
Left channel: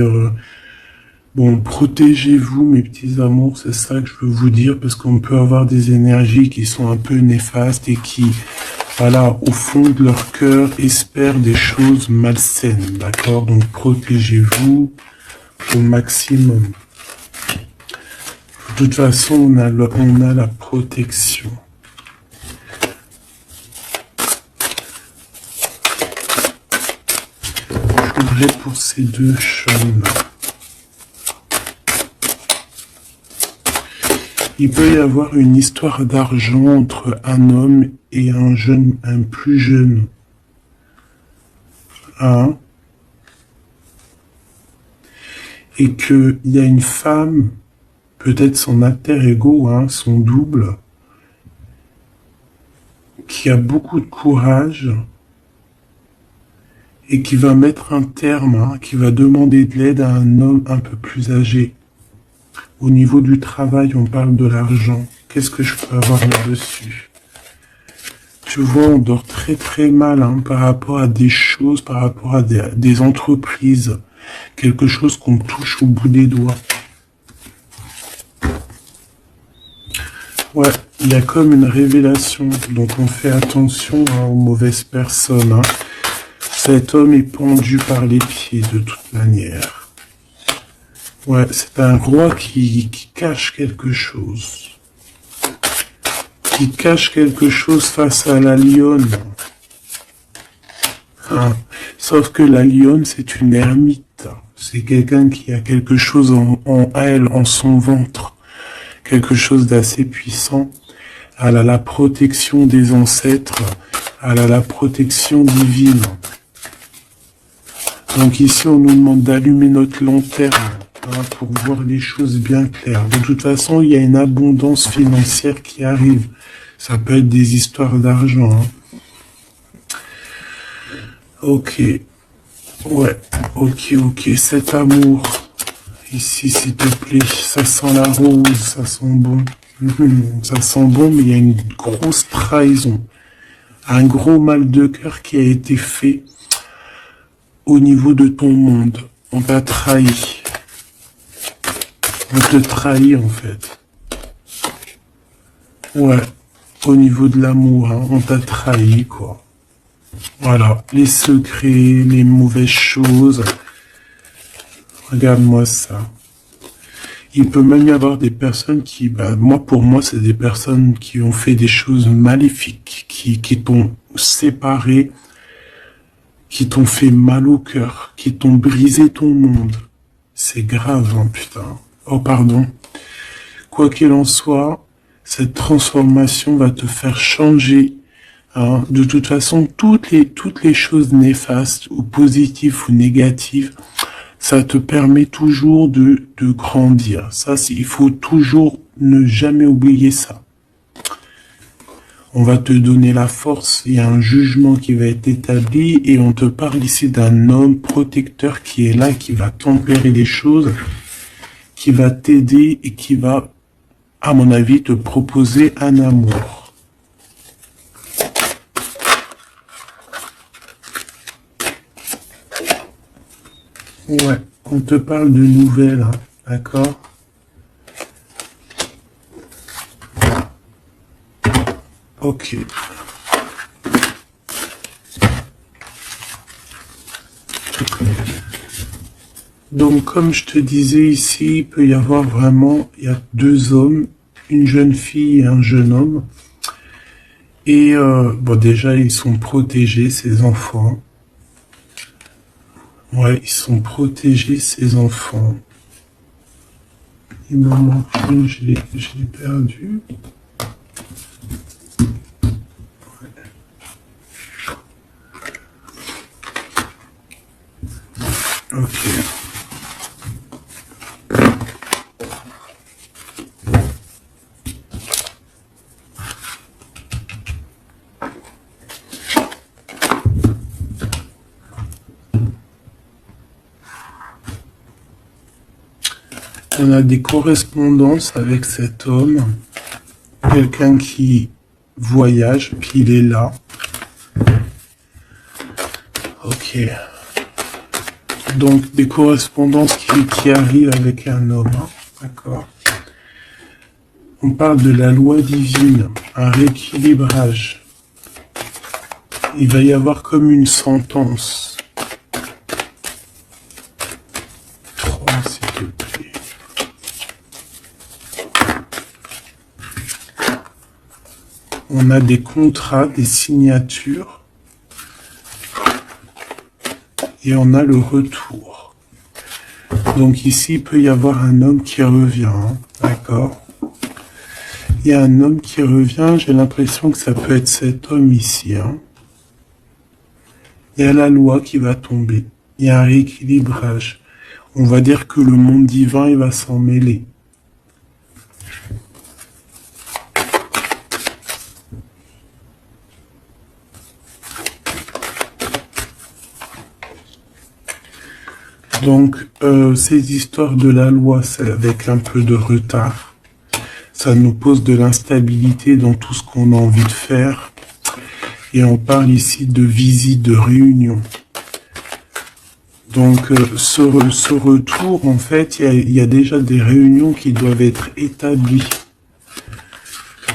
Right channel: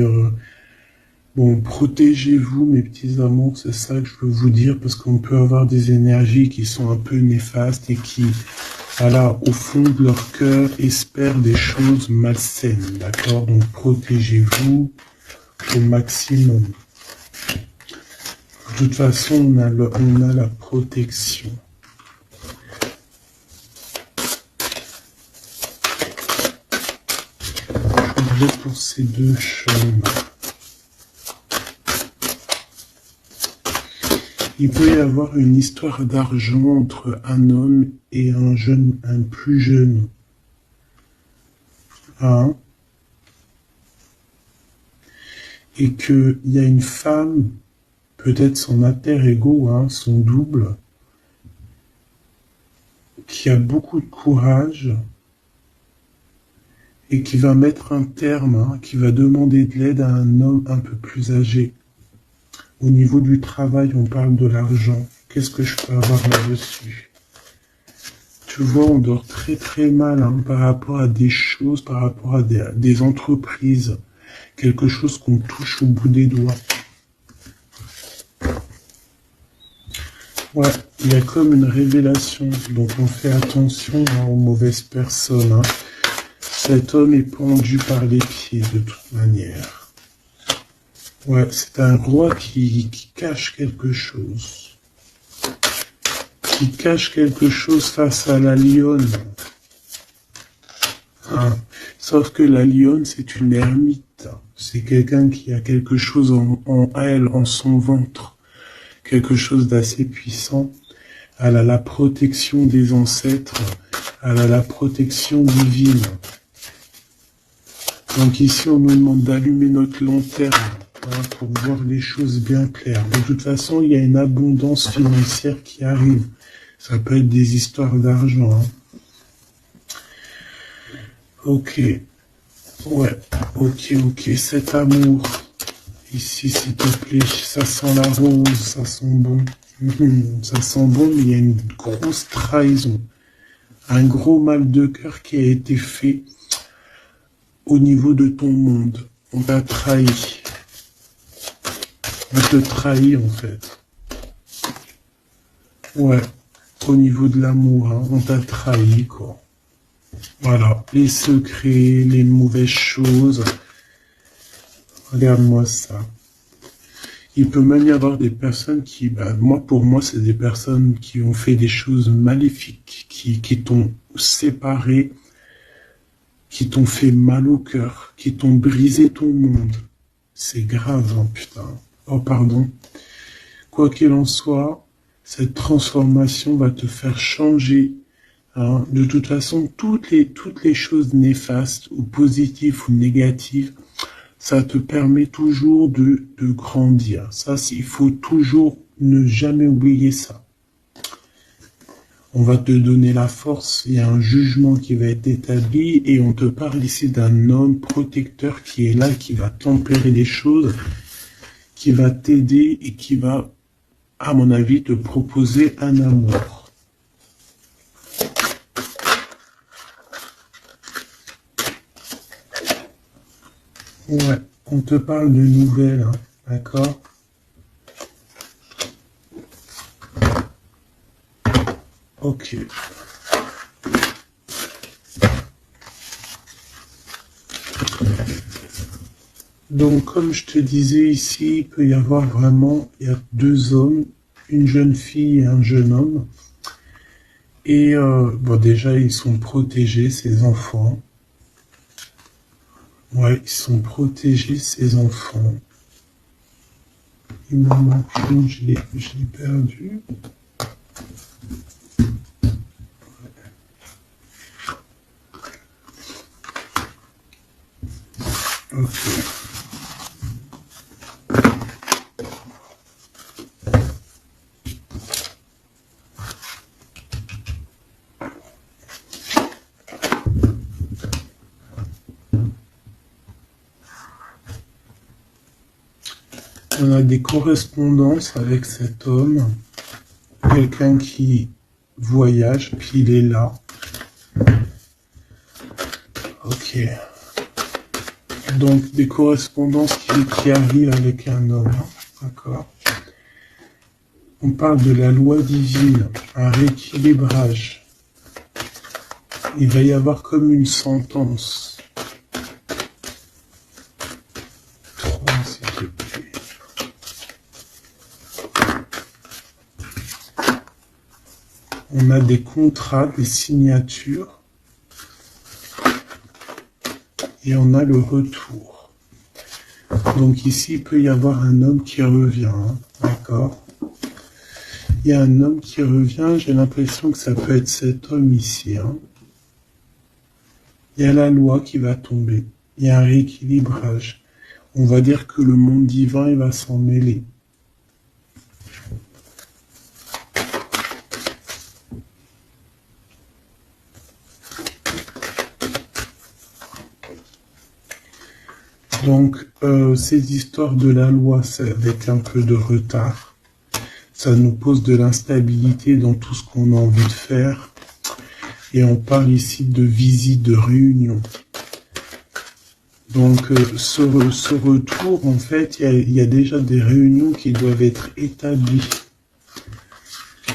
bon, protégez-vous, mes petits amours, c'est ça que je veux vous dire, parce qu'on peut avoir des énergies qui sont un peu néfastes et qui, voilà, au fond de leur cœur, espèrent des choses malsaines, d'accord? Donc, protégez-vous au maximum. De toute façon, on a la protection. Je voudrais pour ces deux chaumes. Il peut y avoir une histoire d'argent entre un homme et un plus jeune. Hein? Et qu'il y a une femme, peut-être son alter ego, hein, son double, qui a beaucoup de courage et qui va mettre un terme, hein, qui va demander de l'aide à un homme un peu plus âgé. Au niveau du travail, on parle de l'argent. Qu'est-ce que je peux avoir là-dessus? Tu vois, on dort très très mal, hein, par rapport à des choses, par rapport à des entreprises. Quelque chose qu'on touche au bout des doigts. Ouais, il y a comme une révélation, donc on fait attention, hein, aux mauvaises personnes. Hein. Cet homme est pendu par les pieds de toute manière. Ouais, c'est un roi qui cache quelque chose. Qui cache quelque chose face à la lionne. Hein. Sauf que la lionne, c'est une ermite. C'est quelqu'un qui a quelque chose en elle, en son ventre, quelque chose d'assez puissant. Elle a la protection des ancêtres, elle a la protection divine. Donc ici, on nous demande d'allumer notre lanterne pour voir les choses bien claires. De toute façon, il y a une abondance financière qui arrive. Ça peut être des histoires d'argent. Ok. Ouais. Ok. Cet amour. Ici, s'il te plaît. Ça sent la rose. Ça sent bon. Ça sent bon, mais il y a une grosse trahison. Un gros mal de cœur qui a été fait au niveau de ton monde. On t'a trahi. On te trahit, en fait. Ouais. Au niveau de l'amour, on t'a trahi, quoi. Voilà. Les secrets, les mauvaises choses. Regarde-moi ça. Il peut même y avoir des personnes qui, pour moi, c'est des personnes qui ont fait des choses maléfiques, qui t'ont séparé, qui t'ont fait mal au cœur, qui t'ont brisé ton monde. C'est grave, putain. Oh, pardon. Quoi qu'il en soit, cette transformation va te faire changer. De toute façon, toutes les choses néfastes, ou positives ou négatives, ça te permet toujours de grandir. Ça, il faut toujours ne jamais oublier ça. On va te donner la force, il y a un jugement qui va être établi et on te parle ici d'un homme protecteur qui est là, qui va tempérer les choses, qui va t'aider et qui va, à mon avis, te proposer un amour. Ouais, on te parle de nouvelles, d'accord ? Ok. Donc, comme je te disais ici, il peut y avoir vraiment, il y a deux hommes, une jeune fille et un jeune homme. Et déjà, ils sont protégés, ces enfants. Ouais, ils sont protégés, ces enfants. Il m'en manque une, je l'ai perdu. Ok. On a des correspondances avec cet homme, quelqu'un qui voyage, puis il est là. Ok. Donc des correspondances qui arrivent avec un homme, d'accord. On parle de la loi divine, un rééquilibrage. Il va y avoir comme une sentence. 3, s'il te plaît. On a des contrats, des signatures. Et on a le retour. Donc ici, il peut y avoir un homme qui revient, d'accord ? Il y a un homme qui revient, j'ai l'impression que ça peut être cet homme ici. Il y a la loi qui va tomber, il y a un rééquilibrage. On va dire que le monde divin, il va s'en mêler. Donc, ces histoires de la loi, c'est avec un peu de retard. Ça nous pose de l'instabilité dans tout ce qu'on a envie de faire. Et on parle ici de visite, de réunion. Donc, ce retour, en fait, il y a déjà des réunions qui doivent être établies.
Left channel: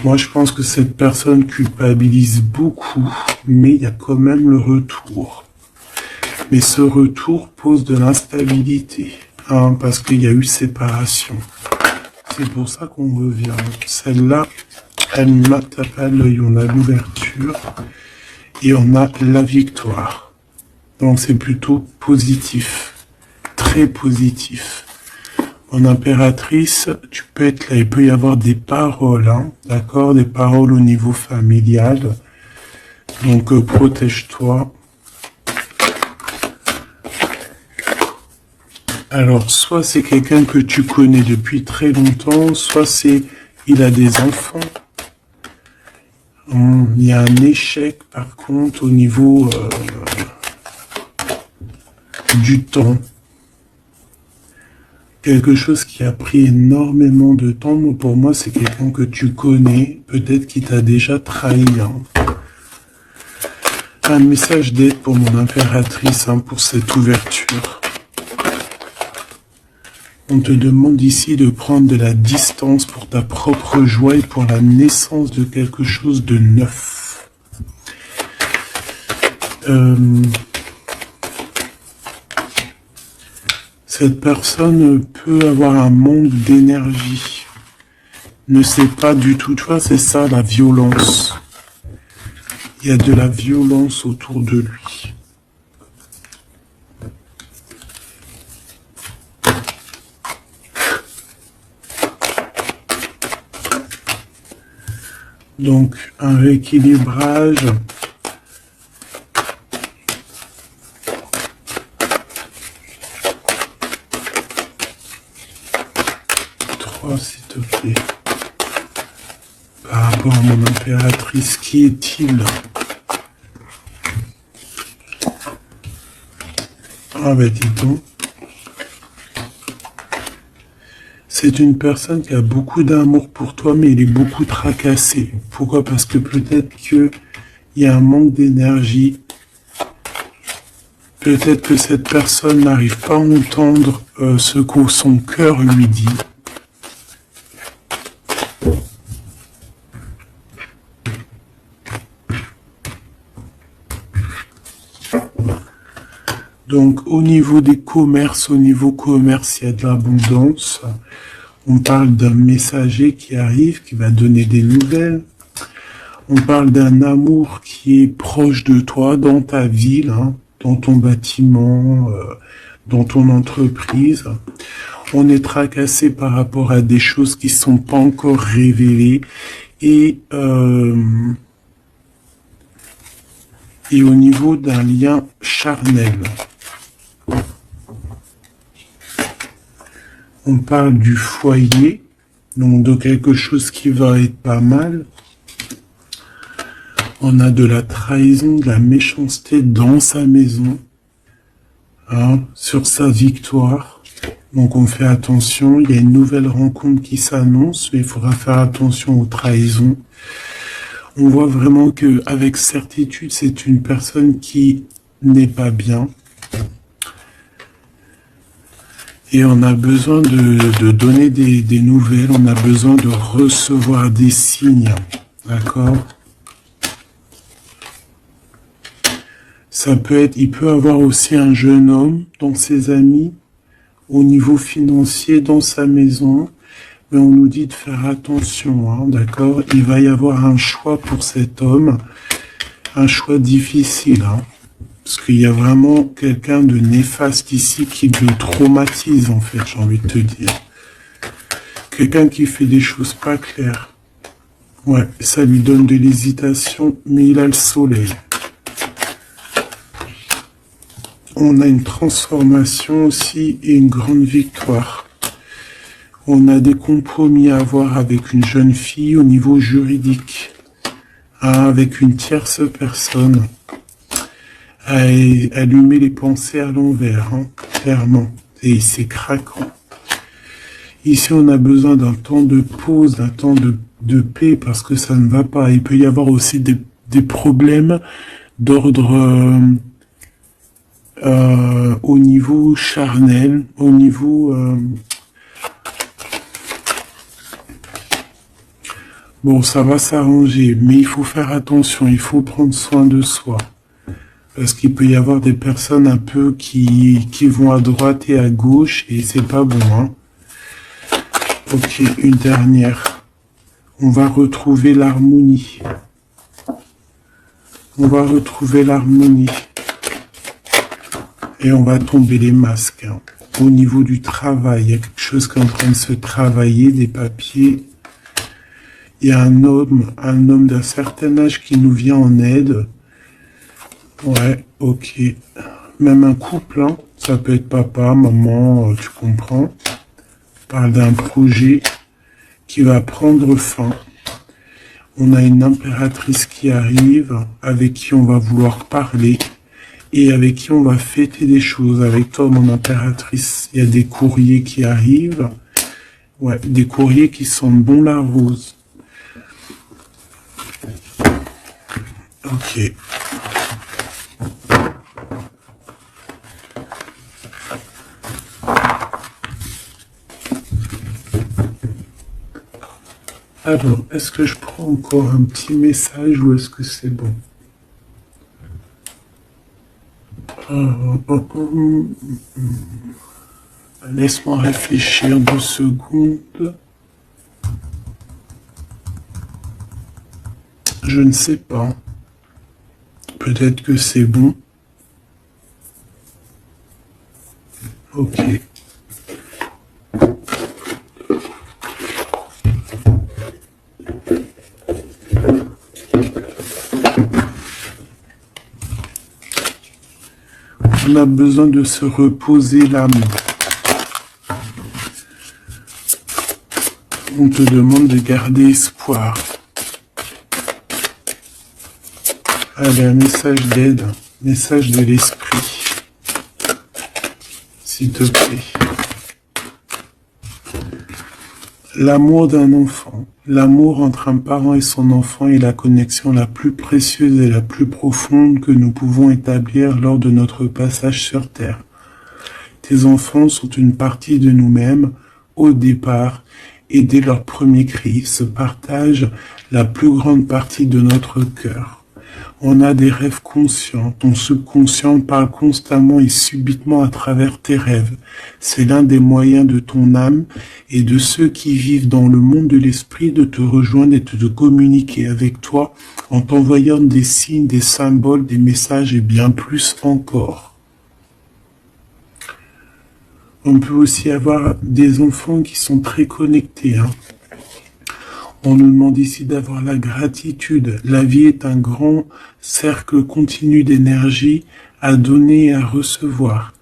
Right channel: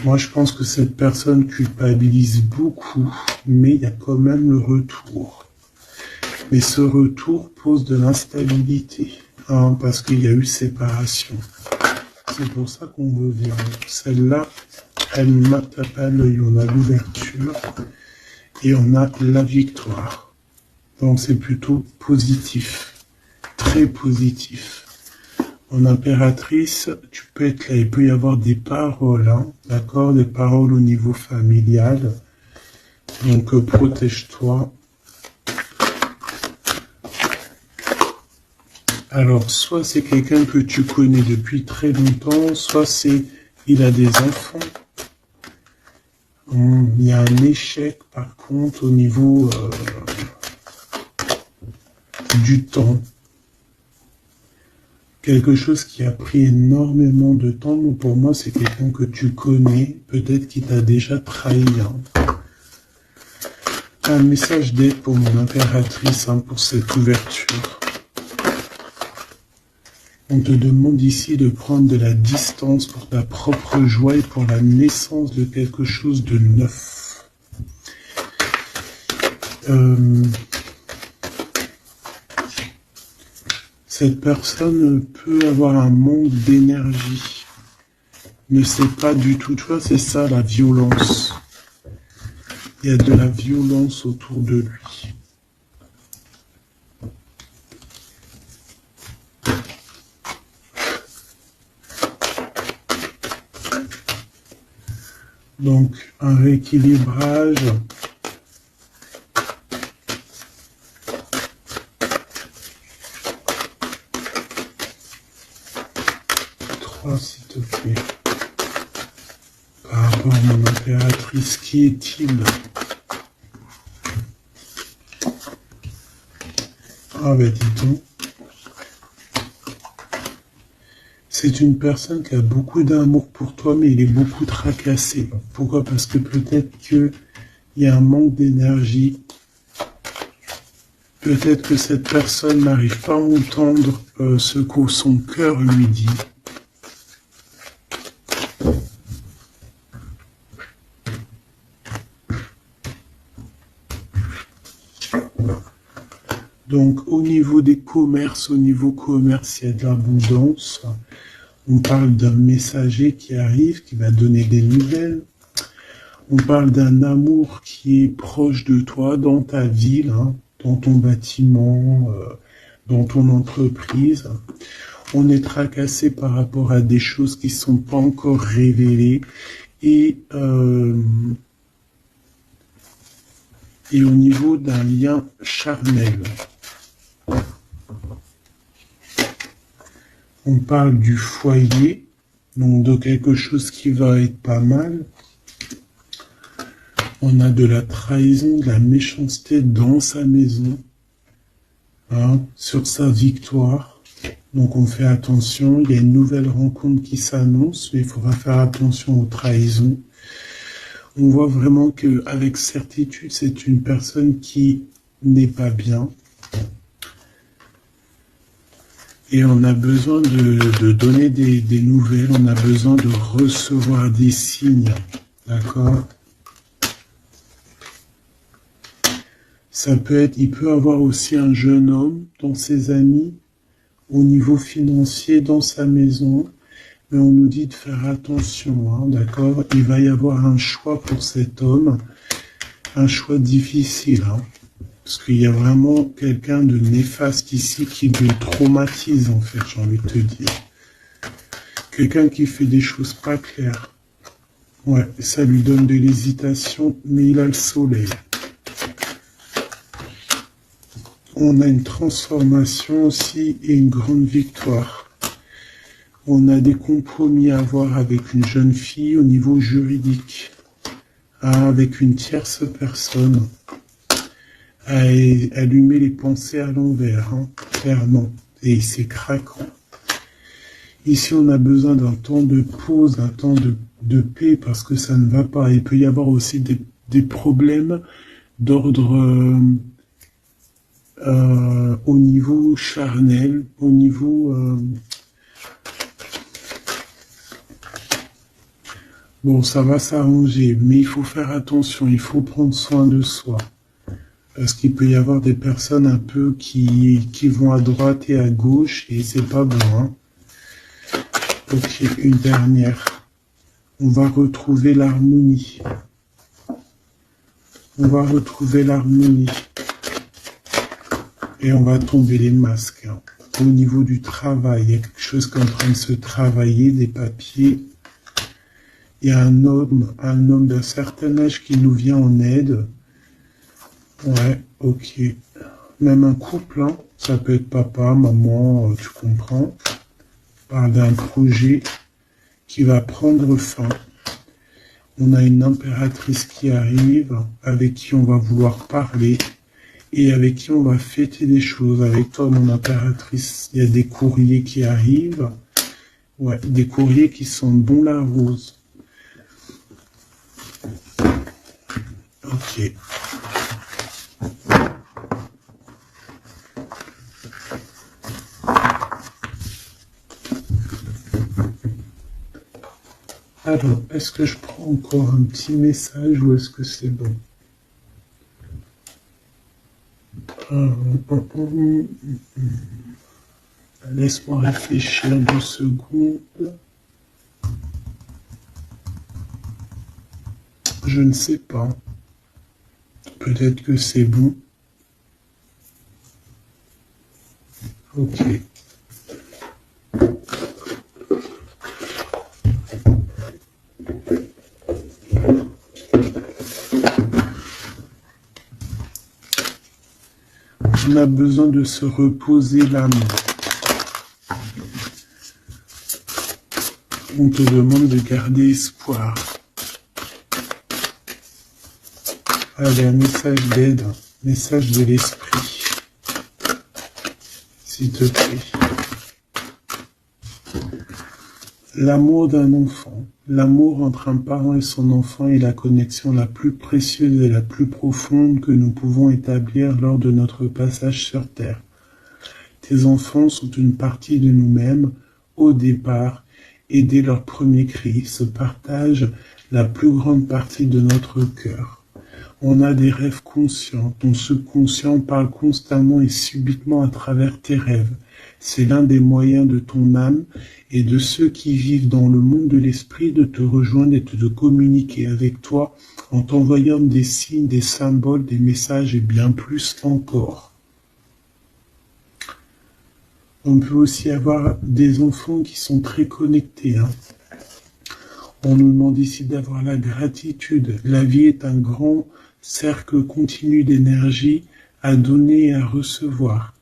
Moi, je pense que cette personne culpabilise beaucoup, mais il y a quand même le retour. Mais ce retour pose de l'instabilité, parce qu'il y a eu séparation. C'est pour ça qu'on revient. Celle-là, elle m'a tapé à l'œil. On a l'ouverture et on a la victoire. Donc c'est plutôt positif, très positif. En impératrice, tu peux être là, il peut y avoir des paroles, hein, d'accord, des paroles au niveau familial. Donc protège-toi. Alors, soit c'est quelqu'un que tu connais depuis très longtemps, soit c'est il a des enfants. Il y a un échec, par contre, au niveau du temps. Quelque chose qui a pris énormément de temps. Mais pour moi, c'est quelqu'un que tu connais, peut-être qui t'a déjà trahi. Hein. Un message d'aide pour mon impératrice, hein, pour cette ouverture. On te demande ici de prendre de la distance pour ta propre joie et pour la naissance de quelque chose de neuf. Cette personne peut avoir un manque d'énergie. Ne sait pas du tout. Tu vois, c'est ça la violence. Il y a de la violence autour de lui. Donc, un rééquilibrage. S'il te plaît. Par rapport à mon impératrice, qui est-il? Ah ben dis donc. C'est une personne qui a beaucoup d'amour pour toi, mais elle est beaucoup tracassée. Pourquoi? Parce que peut-être qu'il y a un manque d'énergie. Peut-être que cette personne n'arrive pas à entendre ce que son cœur lui dit. Donc, au niveau des commerces, au niveau commerce, il y a de l'abondance. On parle d'un messager qui arrive, qui va donner des nouvelles. On parle d'un amour qui est proche de toi, dans ta ville, hein, dans ton bâtiment, dans ton entreprise. On est tracassé par rapport à des choses qui ne sont pas encore révélées. Et au niveau d'un lien charnel. On parle du foyer, donc de quelque chose qui va être pas mal. On a de la trahison, de la méchanceté dans sa maison, hein, sur sa victoire. Donc on fait attention, il y a une nouvelle rencontre qui s'annonce, mais il faudra faire attention aux trahisons. On voit vraiment qu'avec certitude, c'est une personne qui n'est pas bien. Et on a besoin de donner des nouvelles, on a besoin de recevoir des signes, d'accord? Ça peut être, il peut avoir aussi un jeune homme dans ses amis, au niveau financier, dans sa maison, mais on nous dit de faire attention, hein, d'accord? Il va y avoir un choix pour cet homme, un choix difficile, hein. Parce qu'il y a vraiment quelqu'un de néfaste ici qui le traumatise, en fait, j'ai envie de te dire. Quelqu'un qui fait des choses pas claires. Ouais, ça lui donne de l'hésitation, mais il a le soleil. On a une transformation aussi et une grande victoire. On a des compromis à avoir avec une jeune fille au niveau juridique, hein, avec une tierce personne. Elle lui met les pensées à l'envers, hein, clairement, et c'est craquant. Ici, on a besoin d'un temps de pause, d'un temps de paix, parce que ça ne va pas. Il peut y avoir aussi des problèmes d'ordre au niveau charnel, au niveau... Bon, ça va s'arranger, mais il faut faire attention, il faut prendre soin de soi. Parce qu'il peut y avoir des personnes un peu qui vont à droite et à gauche, et c'est pas bon, hein. Ok, une dernière. On va retrouver l'harmonie. On va retrouver l'harmonie. Et on va tomber les masques, hein. au niveau du travail. Il y a quelque chose qui est en train de se travailler, des papiers. Il y a un homme d'un certain âge qui nous vient en aide. Ouais, ok. Même un couple, hein. Ça peut être papa, maman, tu comprends. On parle d'un projet qui va prendre fin. On a une impératrice qui arrive, avec qui on va vouloir parler et avec qui on va fêter des choses. Avec toi, mon impératrice, il y a des courriers qui arrivent. Ouais, des courriers qui sentent bon la rose. Ok. Alors, est-ce que je prends encore un petit message ou est-ce que c'est bon? Laisse-moi réfléchir 2 secondes. Je ne sais pas. Peut-être que c'est bon. Ok. On a besoin de se reposer l'âme. On te demande de garder espoir. Allez, un message d'aide, message de l'esprit, s'il te plaît. L'amour d'un enfant. L'amour entre un parent et son enfant est la connexion la plus précieuse et la plus profonde que nous pouvons établir lors de notre passage sur Terre. Tes enfants sont une partie de nous-mêmes au départ et dès leur premier cri, ils se partagent la plus grande partie de notre cœur. On a des rêves conscients, ton subconscient parle constamment et subitement à travers tes rêves. C'est l'un des moyens de ton âme et de ceux qui vivent dans le monde de l'esprit de te rejoindre et de communiquer avec toi en t'envoyant des signes, des symboles, des messages et bien plus encore. On peut aussi avoir des enfants qui sont très connectés, hein. On nous demande ici d'avoir la gratitude. La vie est un grand cercle continu d'énergie à donner et à recevoir.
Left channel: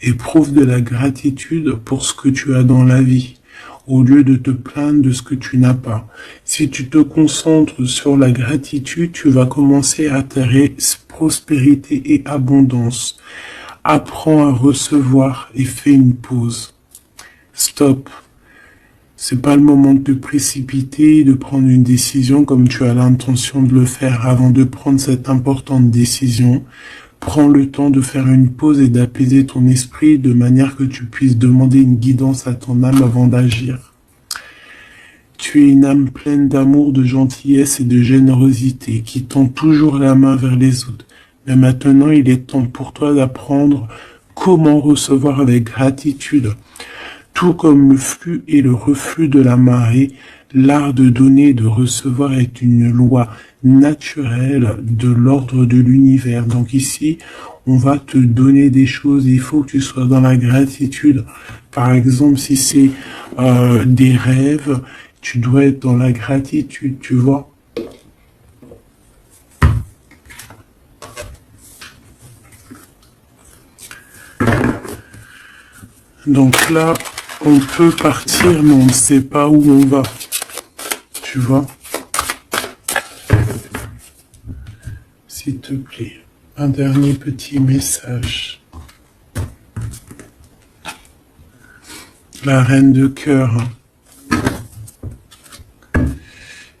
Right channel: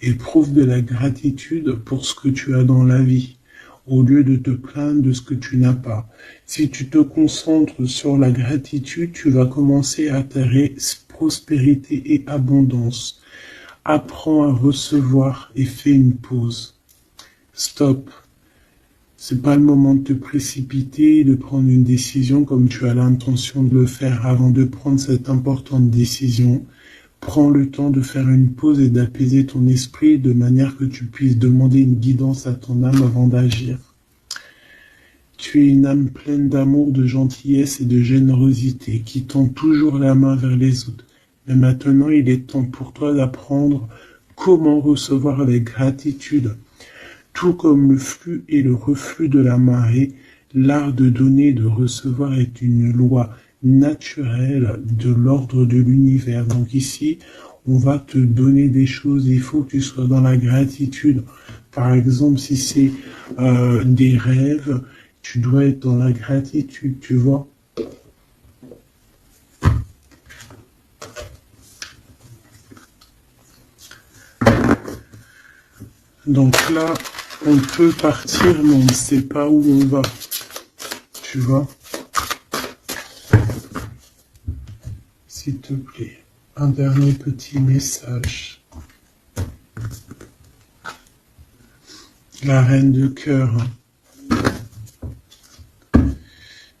Éprouve de la gratitude pour ce que tu as dans la vie, au lieu de te plaindre de ce que tu n'as pas. Si tu te concentres sur la gratitude, tu vas commencer à attirer prospérité et abondance. Apprends à recevoir et fais une pause. Stop. C'est pas le moment de te précipiter et de prendre une décision comme tu as l'intention de le faire. Avant de prendre cette importante décision, prends le temps de faire une pause et d'apaiser ton esprit de manière que tu puisses demander une guidance à ton âme avant d'agir. Tu es une âme pleine d'amour, de gentillesse et de générosité qui tend toujours la main vers les autres. Mais maintenant, il est temps pour toi d'apprendre comment recevoir avec gratitude. Tout comme le flux et le reflux de la marée, l'art de donner et de recevoir est une loi naturelle de l'ordre de l'univers. Donc ici, on va te donner des choses, il faut que tu sois dans la gratitude. Par exemple, si c'est des rêves, tu dois être dans la gratitude, tu vois. Donc là, on peut partir, mais on ne sait pas où on va. Tu vois? S'il te plaît, un dernier petit message. La reine de cœur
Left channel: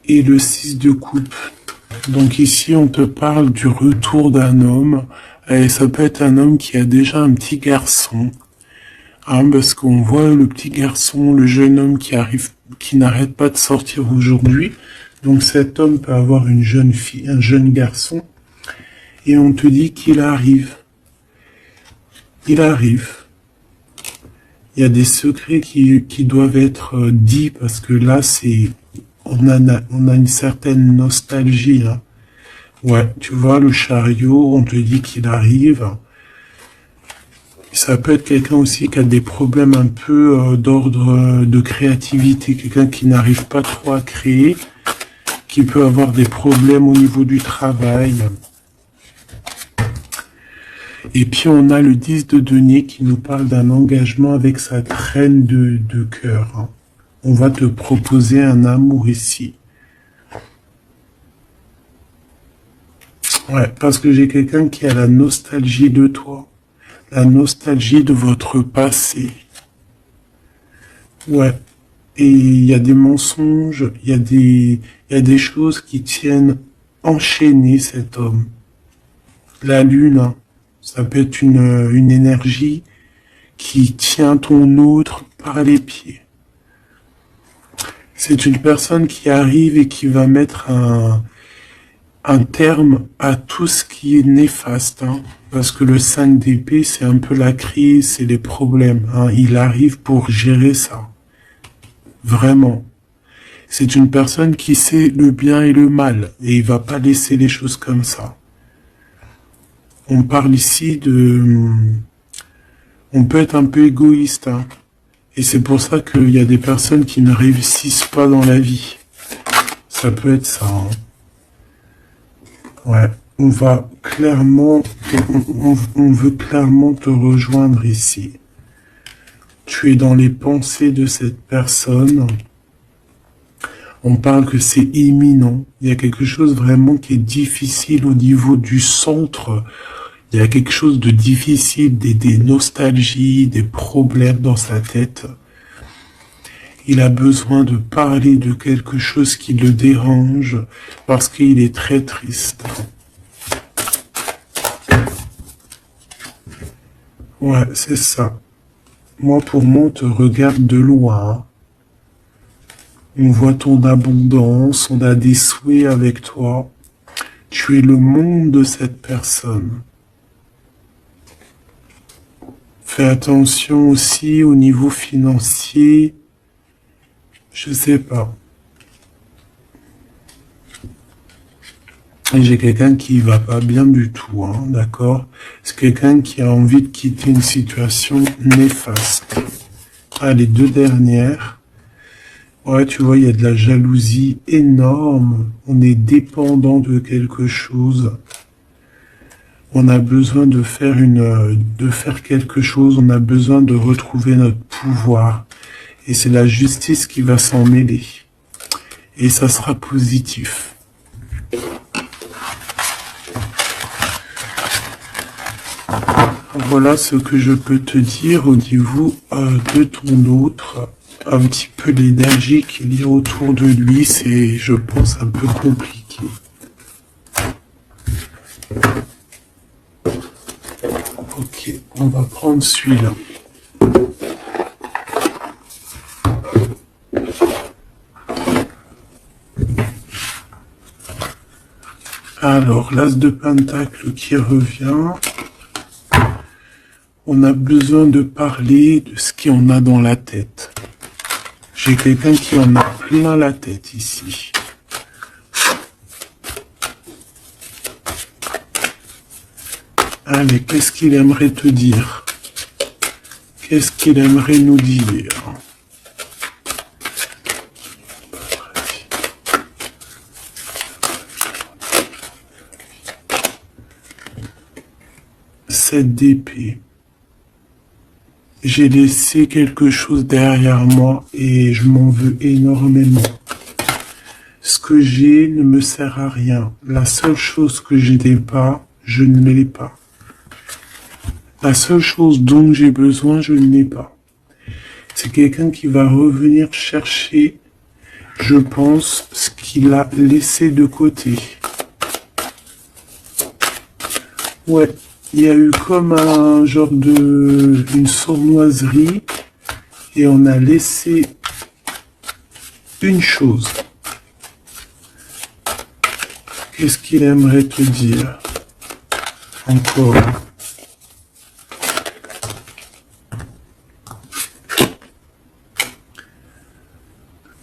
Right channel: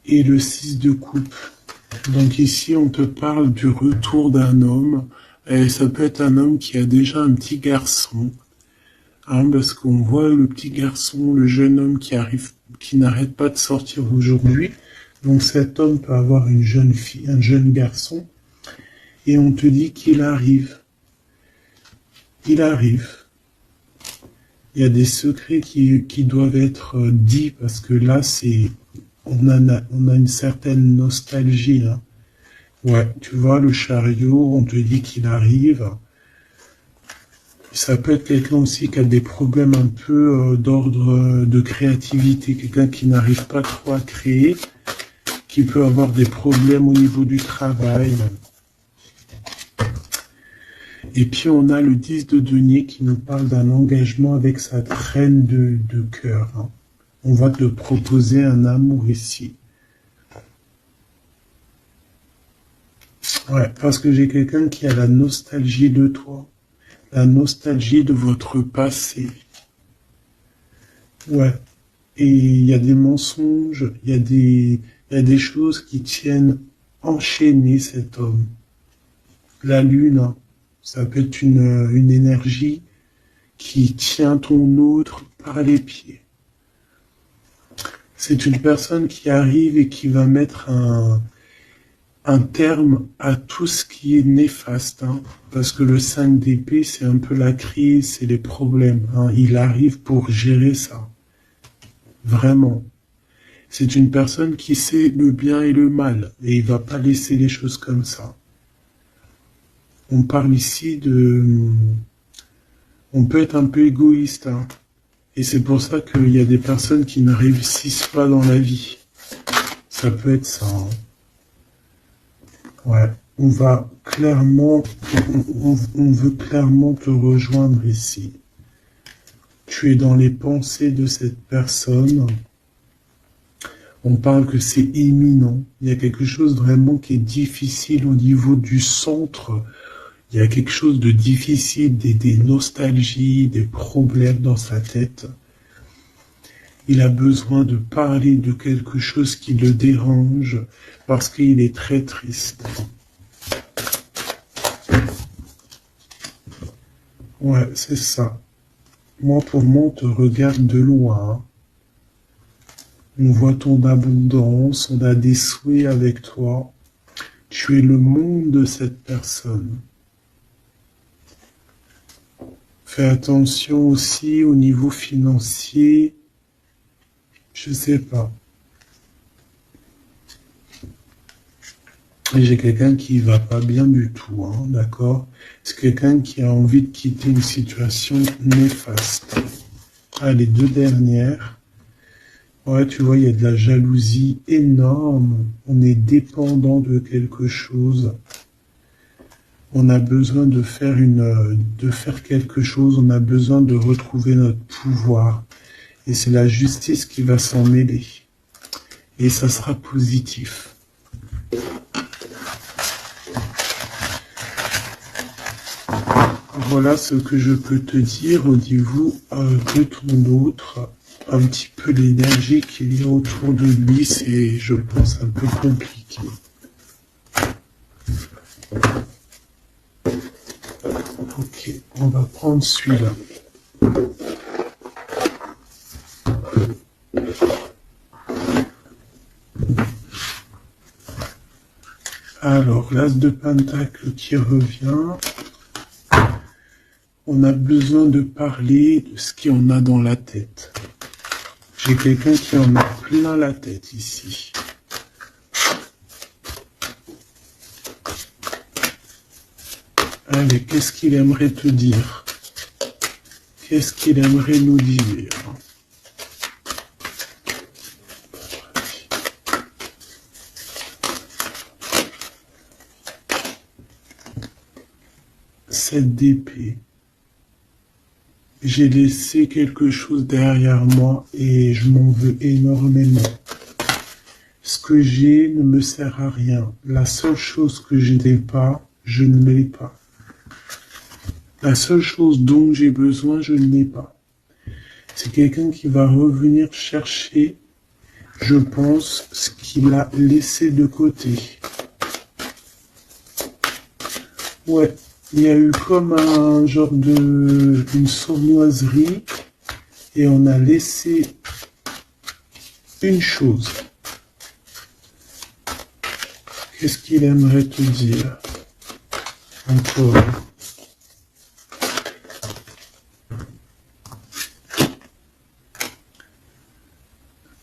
et le 6 de coupe. Donc ici, on te parle du retour d'un homme. Et ça peut être un homme qui a déjà un petit garçon. Hein, parce qu'on voit le petit garçon, le jeune homme qui arrive, qui n'arrête pas de sortir aujourd'hui. Donc cet homme peut avoir une jeune fille, un jeune garçon. Et on te dit qu'il arrive. Il arrive. Il y a des secrets qui doivent être dits parce que là, on a une certaine nostalgie. Hein. Ouais, tu vois, le chariot, on te dit qu'il arrive. Ça peut être quelqu'un aussi qui a des problèmes un peu d'ordre de créativité, quelqu'un qui n'arrive pas trop à créer, qui peut avoir des problèmes au niveau du travail. Et puis on a le 10 de denier qui nous parle d'un engagement avec sa reine de cœur. Hein. On va te proposer un amour ici. Ouais, parce que j'ai quelqu'un qui a la nostalgie de toi. La nostalgie de votre passé. Ouais. Et il y a des mensonges, il y a des choses qui tiennent enchaîner cet homme. La lune, hein, ça peut être une énergie qui tient ton autre par les pieds. C'est une personne qui arrive et qui va mettre un terme à tout ce qui est néfaste. Hein, parce que le 5 d'épée, c'est un peu la crise, c'est les problèmes. Hein, il arrive pour gérer ça. Vraiment. C'est une personne qui sait le bien et le mal. Et il va pas laisser les choses comme ça. On parle ici de... On peut être un peu égoïste. Hein, et c'est pour ça qu'il y a des personnes qui ne réussissent pas dans la vie. Ça peut être ça. Hein. Ouais, on va clairement, on veut clairement te rejoindre ici. Tu es dans les pensées de cette personne. On parle que c'est imminent. Il y a quelque chose vraiment qui est difficile au niveau du centre. Il y a quelque chose de difficile, des nostalgies, des problèmes dans sa tête. Il a besoin de parler de quelque chose qui le dérange parce qu'il est très triste. Ouais, c'est ça. Moi, pour moi, on te regarde de loin. On voit ton abondance, on a des souhaits avec toi. Tu es le monde de cette personne. Fais attention aussi au niveau financier. Je sais pas. Et j'ai quelqu'un qui va pas bien du tout, hein, d'accord? C'est quelqu'un qui a envie de quitter une situation néfaste. Ah, les deux dernières. Ouais, tu vois, il y a de la jalousie énorme. On est dépendant de quelque chose. On a besoin de faire quelque chose. On a besoin de retrouver notre pouvoir. Et c'est la justice qui va s'en mêler. Et ça sera positif. Voilà ce que je peux te dire au niveau de ton autre. Un petit peu l'énergie qu'il y a autour de lui, c'est, je pense, un peu compliqué. Ok, on va prendre celui-là. Alors, l'as de pentacle qui revient. On a besoin de parler de ce qu'il y en a dans la tête. J'ai quelqu'un qui en a plein la tête ici. Allez, qu'est-ce qu'il aimerait te dire? Qu'est-ce qu'il aimerait nous dire? Cette d'épée. J'ai laissé quelque chose derrière moi et je m'en veux énormément. Ce que j'ai ne me sert à rien. La seule chose que je n'ai pas, je ne l'ai pas. La seule chose dont j'ai besoin, je ne l'ai pas. C'est quelqu'un qui va revenir chercher, je pense, ce qu'il a laissé de côté. Ouais. Il y a eu comme un genre une sournoiserie et on a laissé une chose. Qu'est-ce qu'il aimerait te dire? Encore.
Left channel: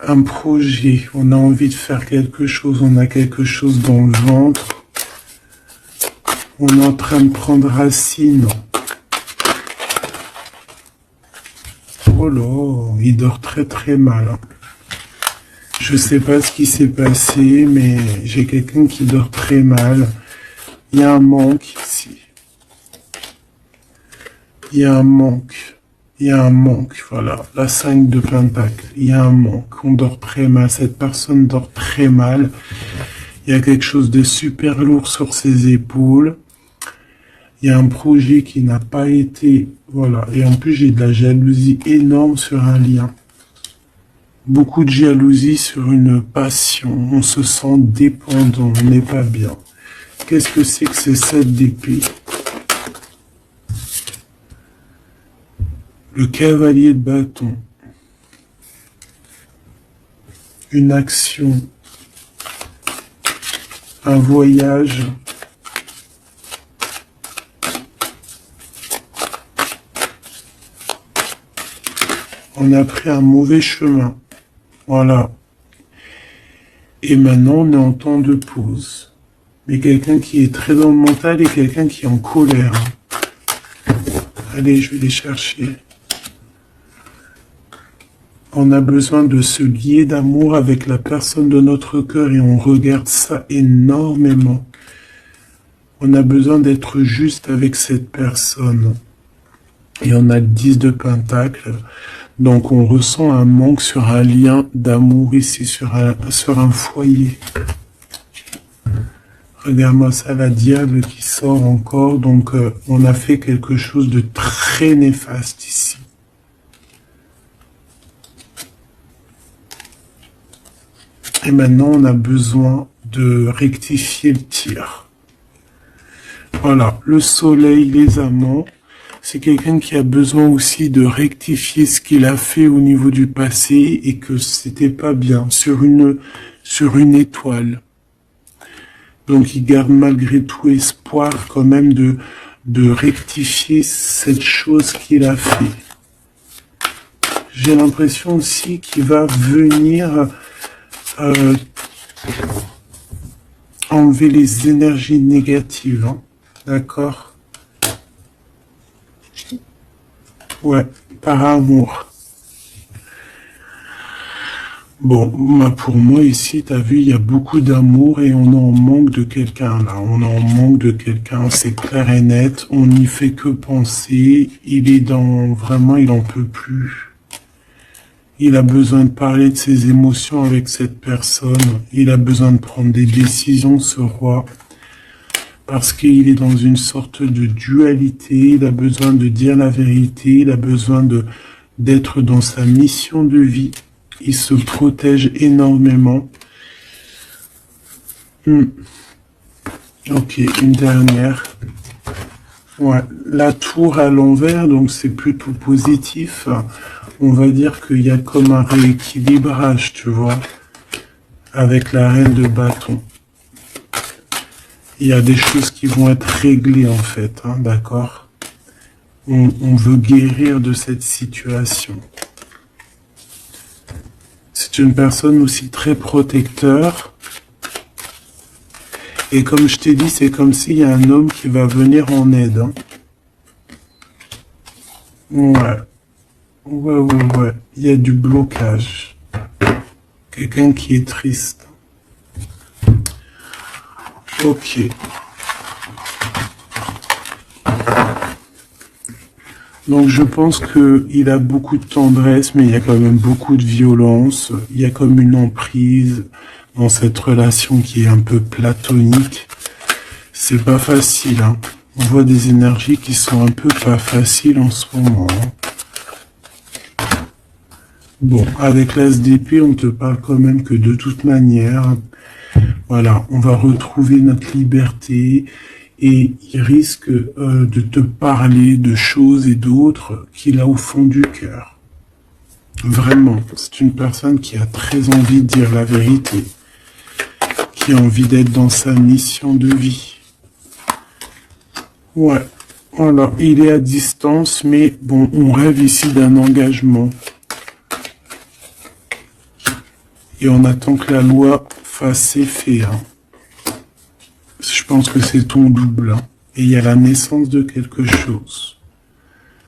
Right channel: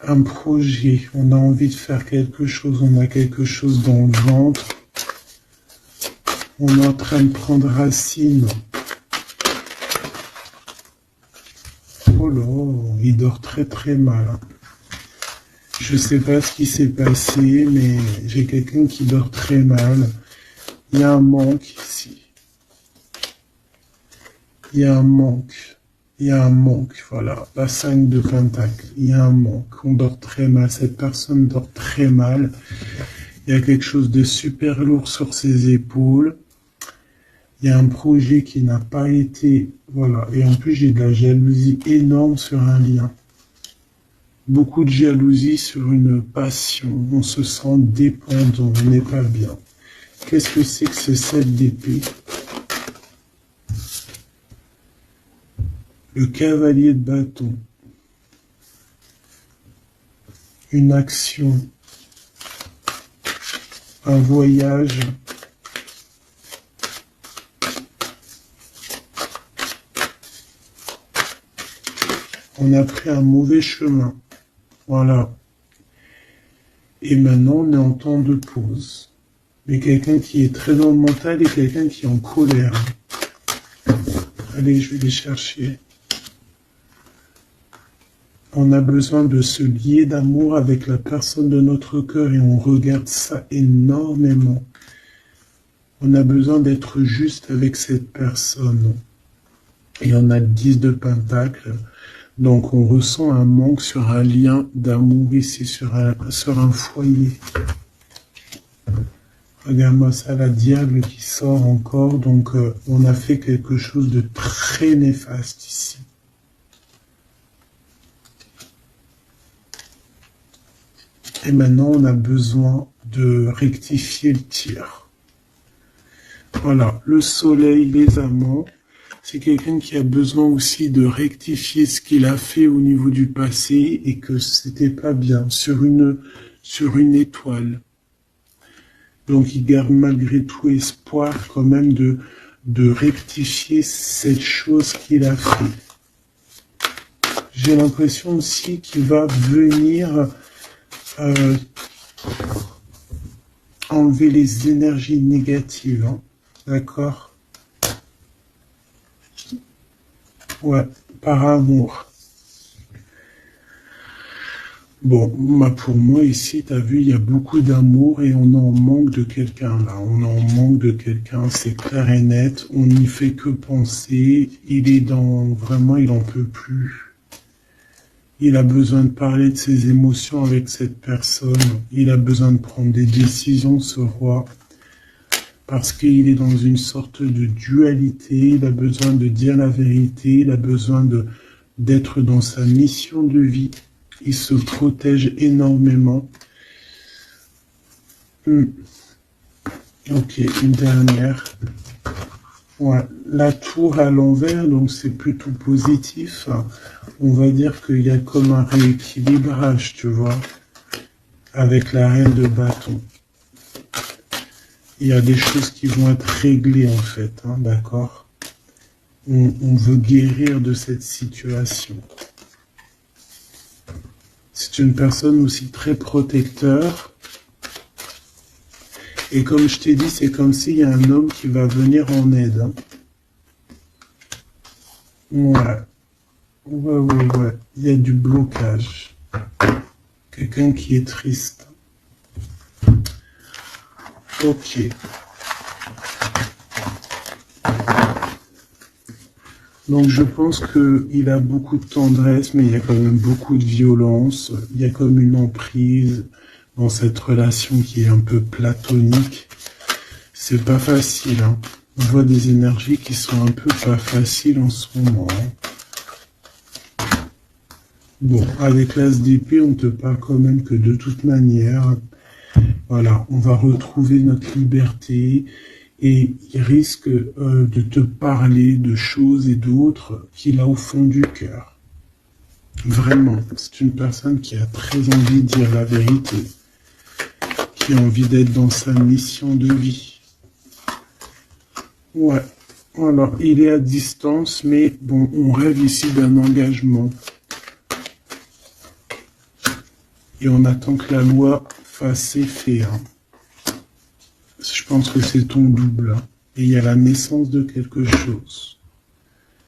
Un projet. On a envie de faire quelque chose. On a quelque chose dans le ventre. On est en train de prendre racine. Oh là, il dort très très mal. Je sais pas ce qui s'est passé, mais j'ai quelqu'un qui dort très mal. Il y a un manque ici. Il y a un manque. Il y a un manque, voilà. La 5 de Pentacle. Il y a un manque. On dort très mal. Cette personne dort très mal. Il y a quelque chose de super lourd sur ses épaules. Il y a un projet qui n'a pas été... Voilà. Et en plus, j'ai de la jalousie énorme sur un lien. Beaucoup de jalousie sur une passion. On se sent dépendant. On n'est pas bien. Qu'est-ce que c'est que ce 7 d'épée? Le cavalier de bâton. Une action. Un voyage. On a pris un mauvais chemin. Voilà. Et maintenant, on est en temps de pause. Mais quelqu'un qui est très dans le mental et quelqu'un qui est en colère. Allez, je vais les chercher. On a besoin de se lier d'amour avec la personne de notre cœur et on regarde ça énormément. On a besoin d'être juste avec cette personne. Et on a le 10 de Pentacle. Donc on ressent un manque sur un lien d'amour ici, sur un foyer. Regarde-moi ça, la diable qui sort encore. Donc on a fait quelque chose de très néfaste ici. Et maintenant on a besoin de rectifier le tir. Voilà, le soleil, les amants. C'est quelqu'un qui a besoin aussi de rectifier ce qu'il a fait au niveau du passé et que c'était pas bien sur une étoile. Donc il garde malgré tout espoir quand même de rectifier cette chose qu'il a fait. J'ai l'impression aussi qu'il va venir enlever les énergies négatives. Hein. D'accord ? Ouais, par amour. Bon, pour moi ici, t'as vu, il y a beaucoup d'amour et on en manque de quelqu'un là. On en manque de quelqu'un, c'est clair et net. On n'y fait que penser. Il est vraiment, il en peut plus. Il a besoin de parler de ses émotions avec cette personne. Il a besoin de prendre des décisions, ce roi. Parce qu'il est dans une sorte de dualité, il a besoin de dire la vérité, il a besoin d'être dans sa mission de vie. Il se protège énormément. Ok, une dernière. Ouais, la tour à l'envers, donc c'est plutôt positif. On va dire qu'il y a comme un rééquilibrage, tu vois, avec la reine de bâton. Il y a des choses qui vont être réglées en fait, hein, d'accord? On veut guérir de cette situation. C'est une personne aussi très protecteur. Et comme je t'ai dit, c'est comme s'il y a un homme qui va venir en aide. Hein. Ouais. Ouais. Il y a du blocage. Quelqu'un qui est triste. Ok. Donc je pense qu'il a beaucoup de tendresse, mais il y a quand même beaucoup de violence. Il y a comme une emprise dans cette relation qui est un peu platonique. C'est pas facile, hein. On voit des énergies qui sont un peu pas faciles en ce moment. Hein. Bon, avec l'as d'épée, on te parle quand même que de toute manière, voilà, on va retrouver notre liberté et il risque de te parler de choses et d'autres qu'il a au fond du cœur. Vraiment, c'est une personne qui a très envie de dire la vérité, qui a envie d'être dans sa mission de vie. Ouais, voilà, il est à distance, mais bon, on rêve ici d'un engagement. Et on attend que la loi fasse effet. Hein. Je pense que c'est ton double. Hein. Et il y a la naissance de quelque chose.